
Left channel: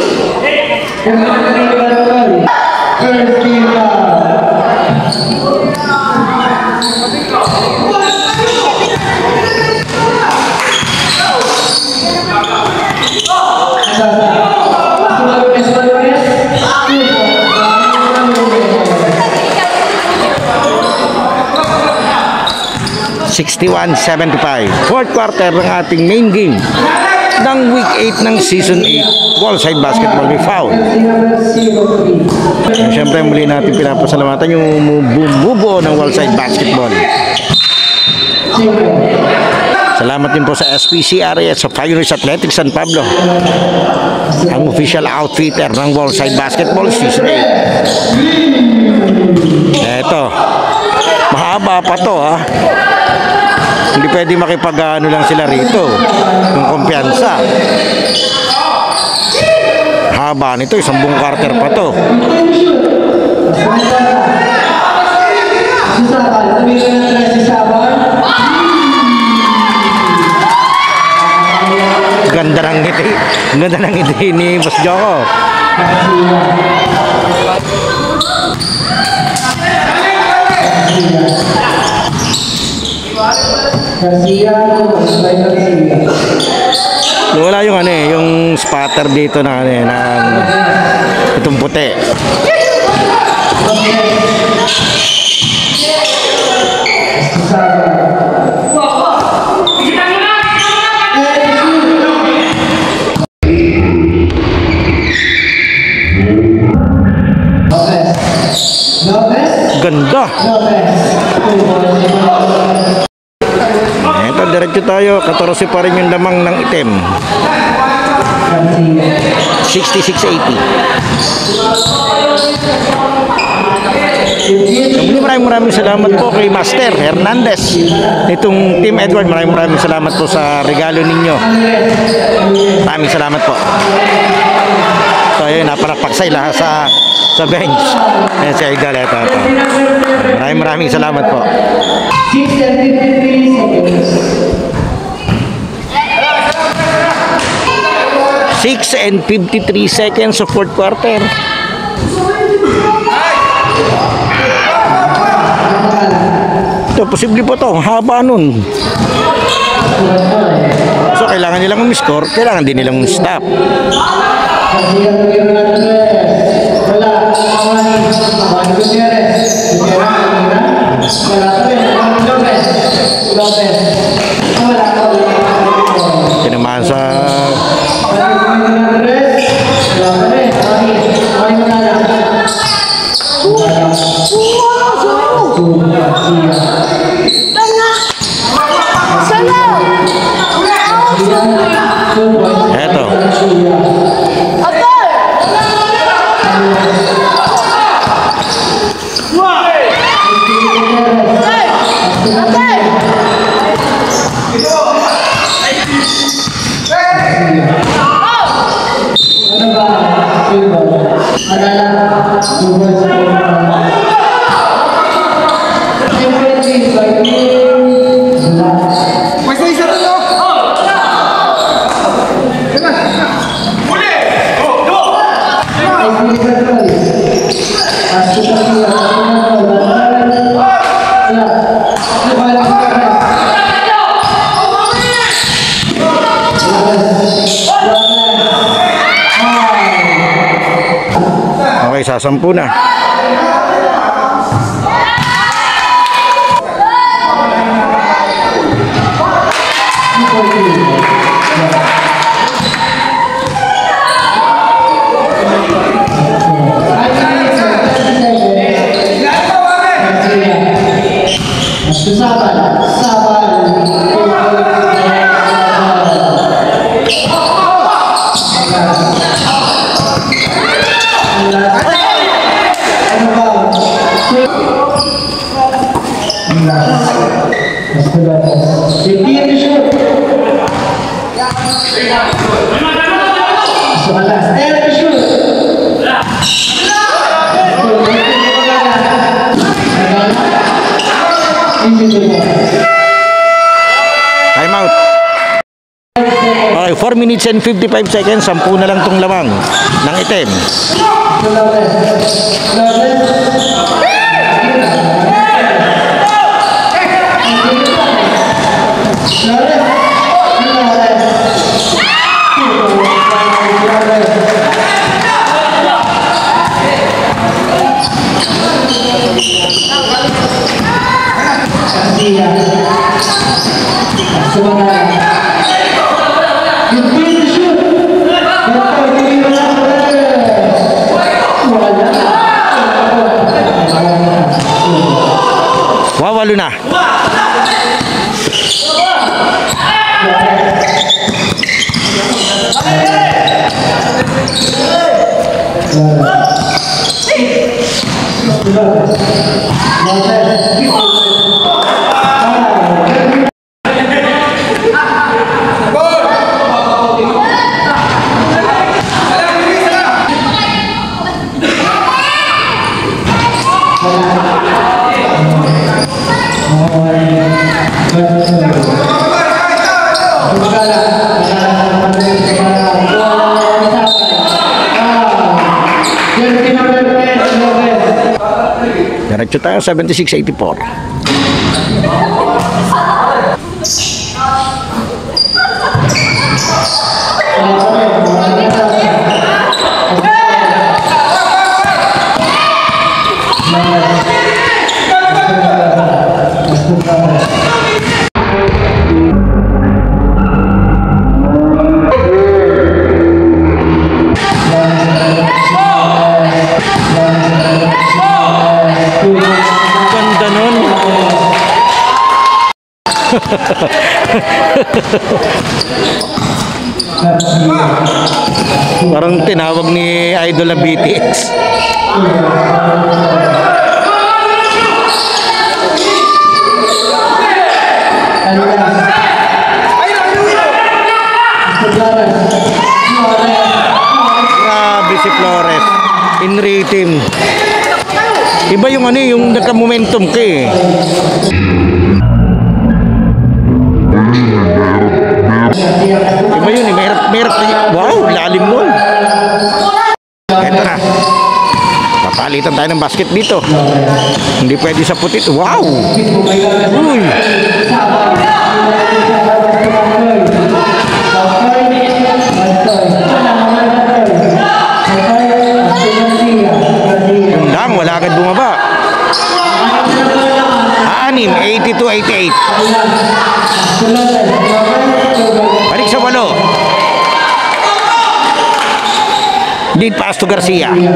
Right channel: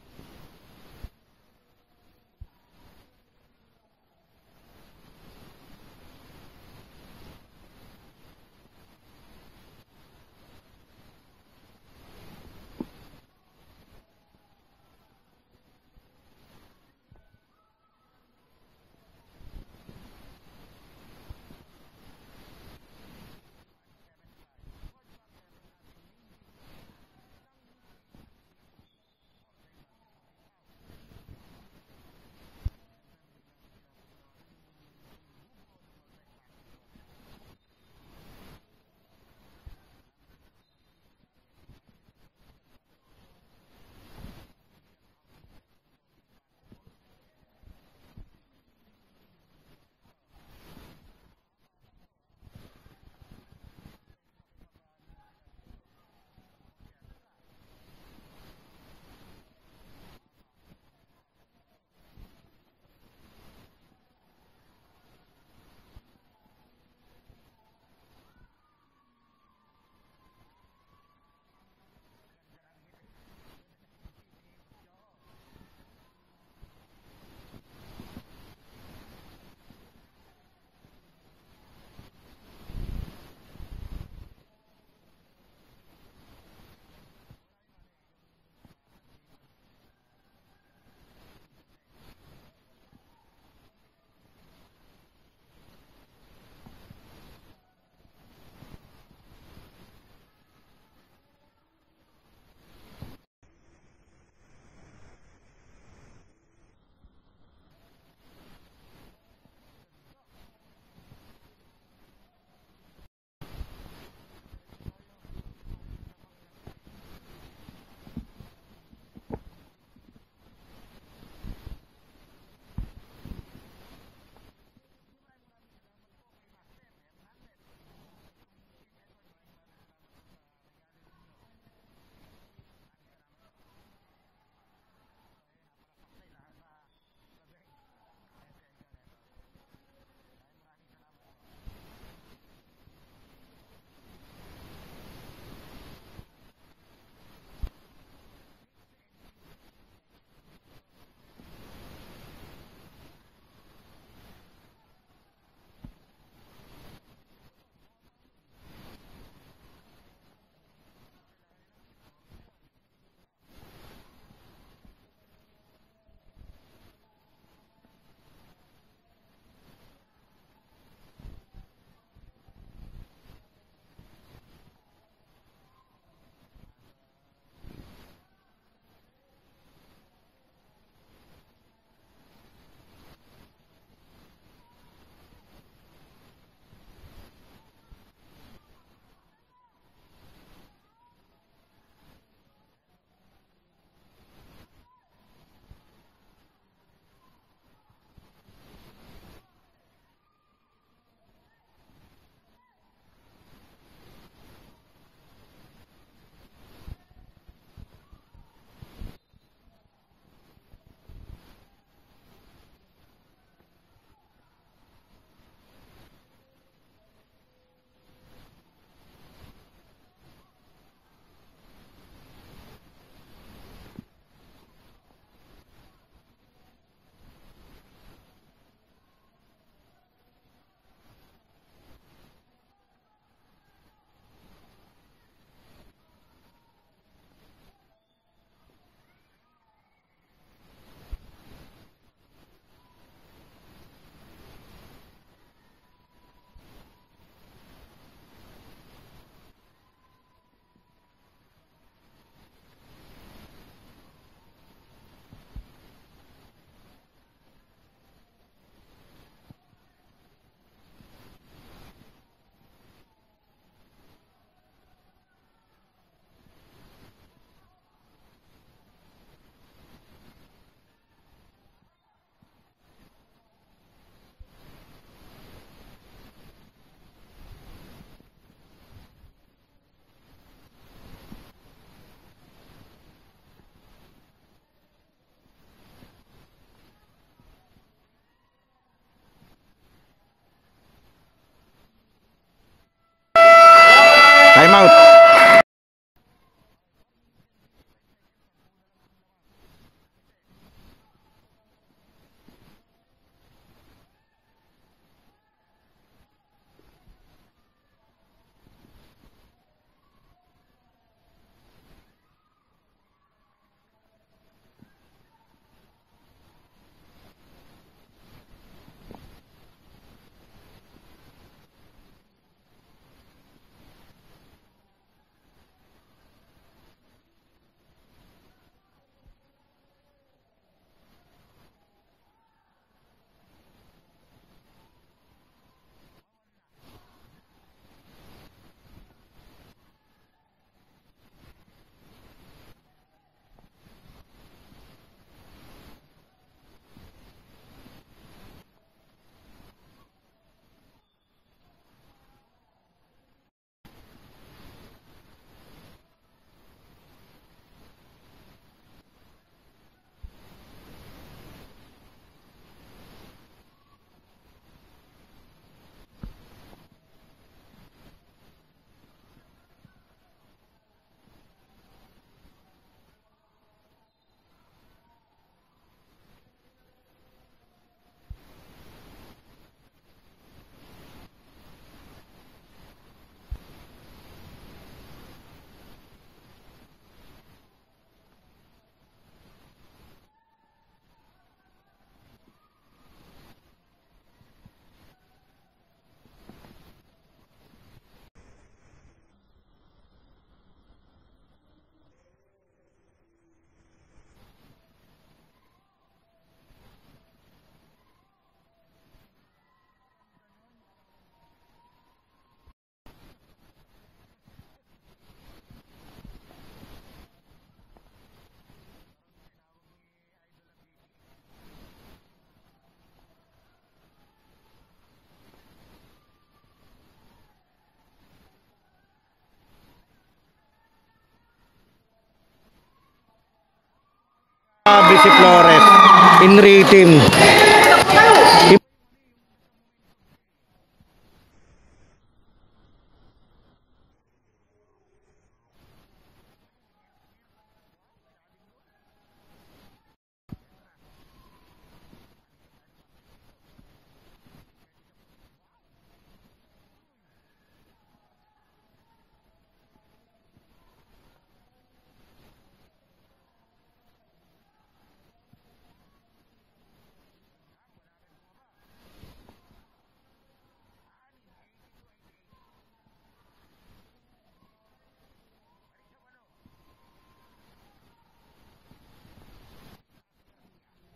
61-75. Fourth quarter ng ating main game ng week 8 ng season 8 Wallside Basketball with foul. Siyempre muli natin pinapasalamatan yung bumubuo ng Wallside Basketball. Salamat din po sa SPCRA at sa Pioneers Athletics San Pablo, ang official outfitter ng Wallside Basketball season 8. Eto, mahaba pa to ha. Hindi pwede makipag-ano lang sila rito ng kumpiyansa. Haba nito, isang buong quarter pa to. Ganda ng ngiti. Ganda ng ngiti ni Boss Joko. Wala yung ano eh, yung spatter dito na ano eh, ng itong puti. Ganda. Ito, diretso tayo. 14 pa rin yung lamang ng itim. 66-80. Maraming salamat po kay Master Hernandez nitong Team Edward. Maraming salamat po sa regalo ninyo. Maraming salamat po. So ayun, naparapaksay lahat sa bench. Ayan si Idol. Ito. Maraming salamat po. 6 and 53 seconds of fourth quarter. Ito, posible po to. Haba nun. So, kailangan nilang umiscore. Kailangan din nilang stop. Tinamaan sa sasampu na. Time out. Okay, 4 minutes and 55 seconds. 10 na lang tong lamang ng itim. Wawalo na. Diretso tayo, 76-84. Parang tinawag ni Idol na BTS. Grabe si Flores in rhythm. Iba yung ano, yung nagka-momentum ka eh. Iba yun eh, merap. Wow, lalim nun. Eto na. Papalitan tayo ng basket dito. Hindi pwede sa putit. Wow! Uy! Yung lang, wala agad bumaba. 82-88. Balik sa 8. Lead pass to Garcia. Balik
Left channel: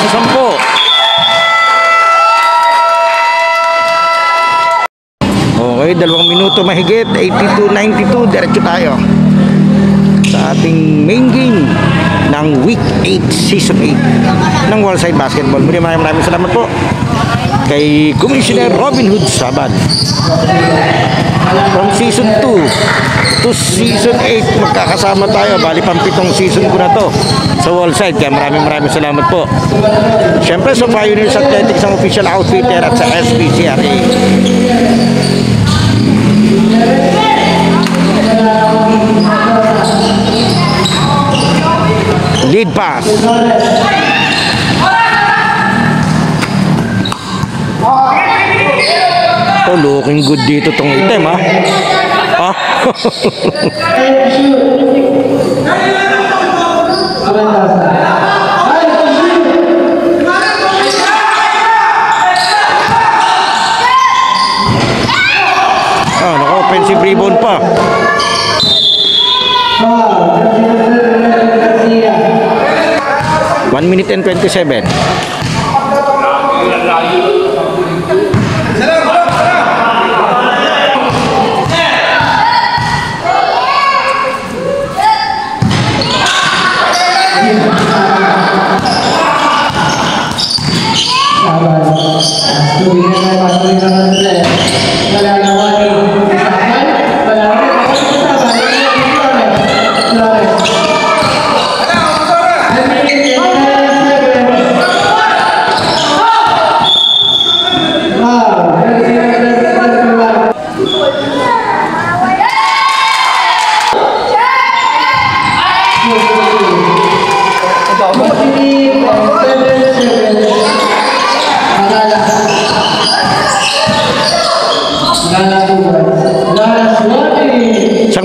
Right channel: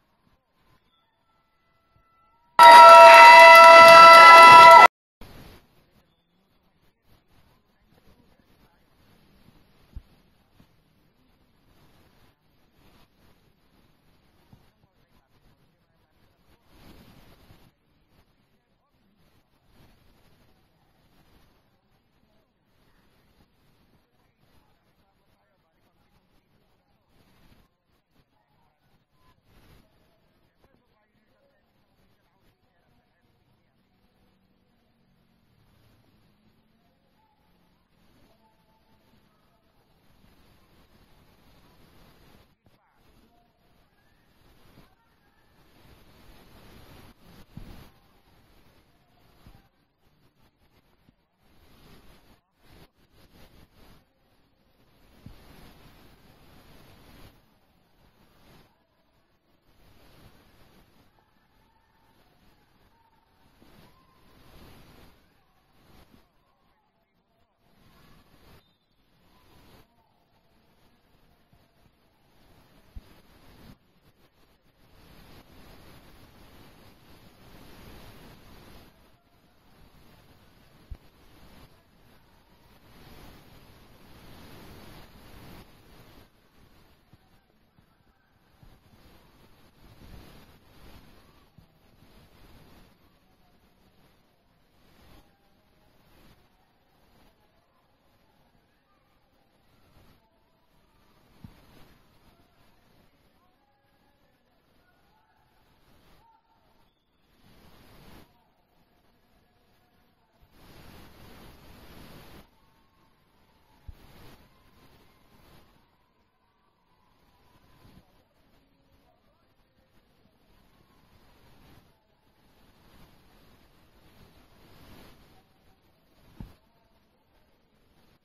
sa 10. Okay, 2 minuto mahigit. 82-92. Diretso tayo sa ating main game ng Week 8, Season 8 ng Wallside Basketball. Maraming salamat po kay Commissioner Robin Hood Saban. From Season 2 to Season 8, magkakasama tayo. Bali, pang-7 season ko na to sa Wallside. Kaya maraming salamat po. Siyempre sa Pioneers Athletics, ang official outfitter, at sa SPCRA. Lead pass. Oh, looking good dito tong item, ha? Ah? Naka-offensive rebound pa. 1 minute and 27.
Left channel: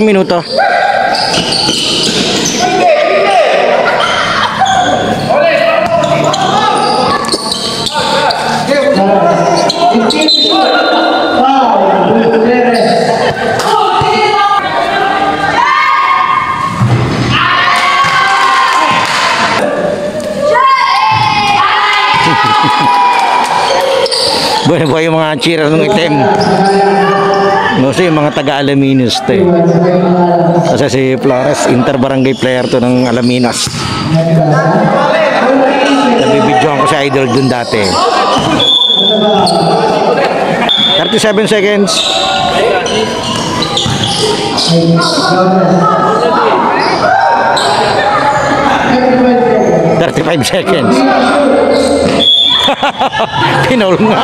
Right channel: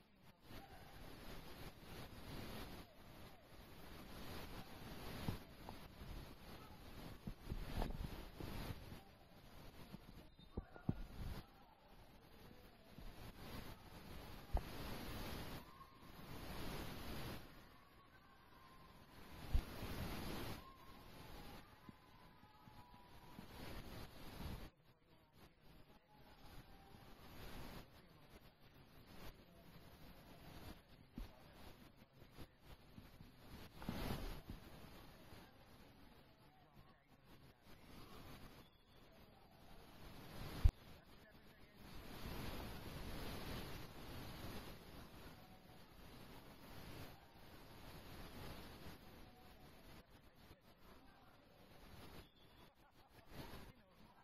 Ilang minuto? Bueno po yung mga cheerer ng itim. Kasi yung mga taga-Alaminos to eh. Kasi si Flores, inter-barangay player to ng Alaminos. Nabibidyoan ko si Idol dun dati. 37 seconds. 35 seconds. Pinaul nga.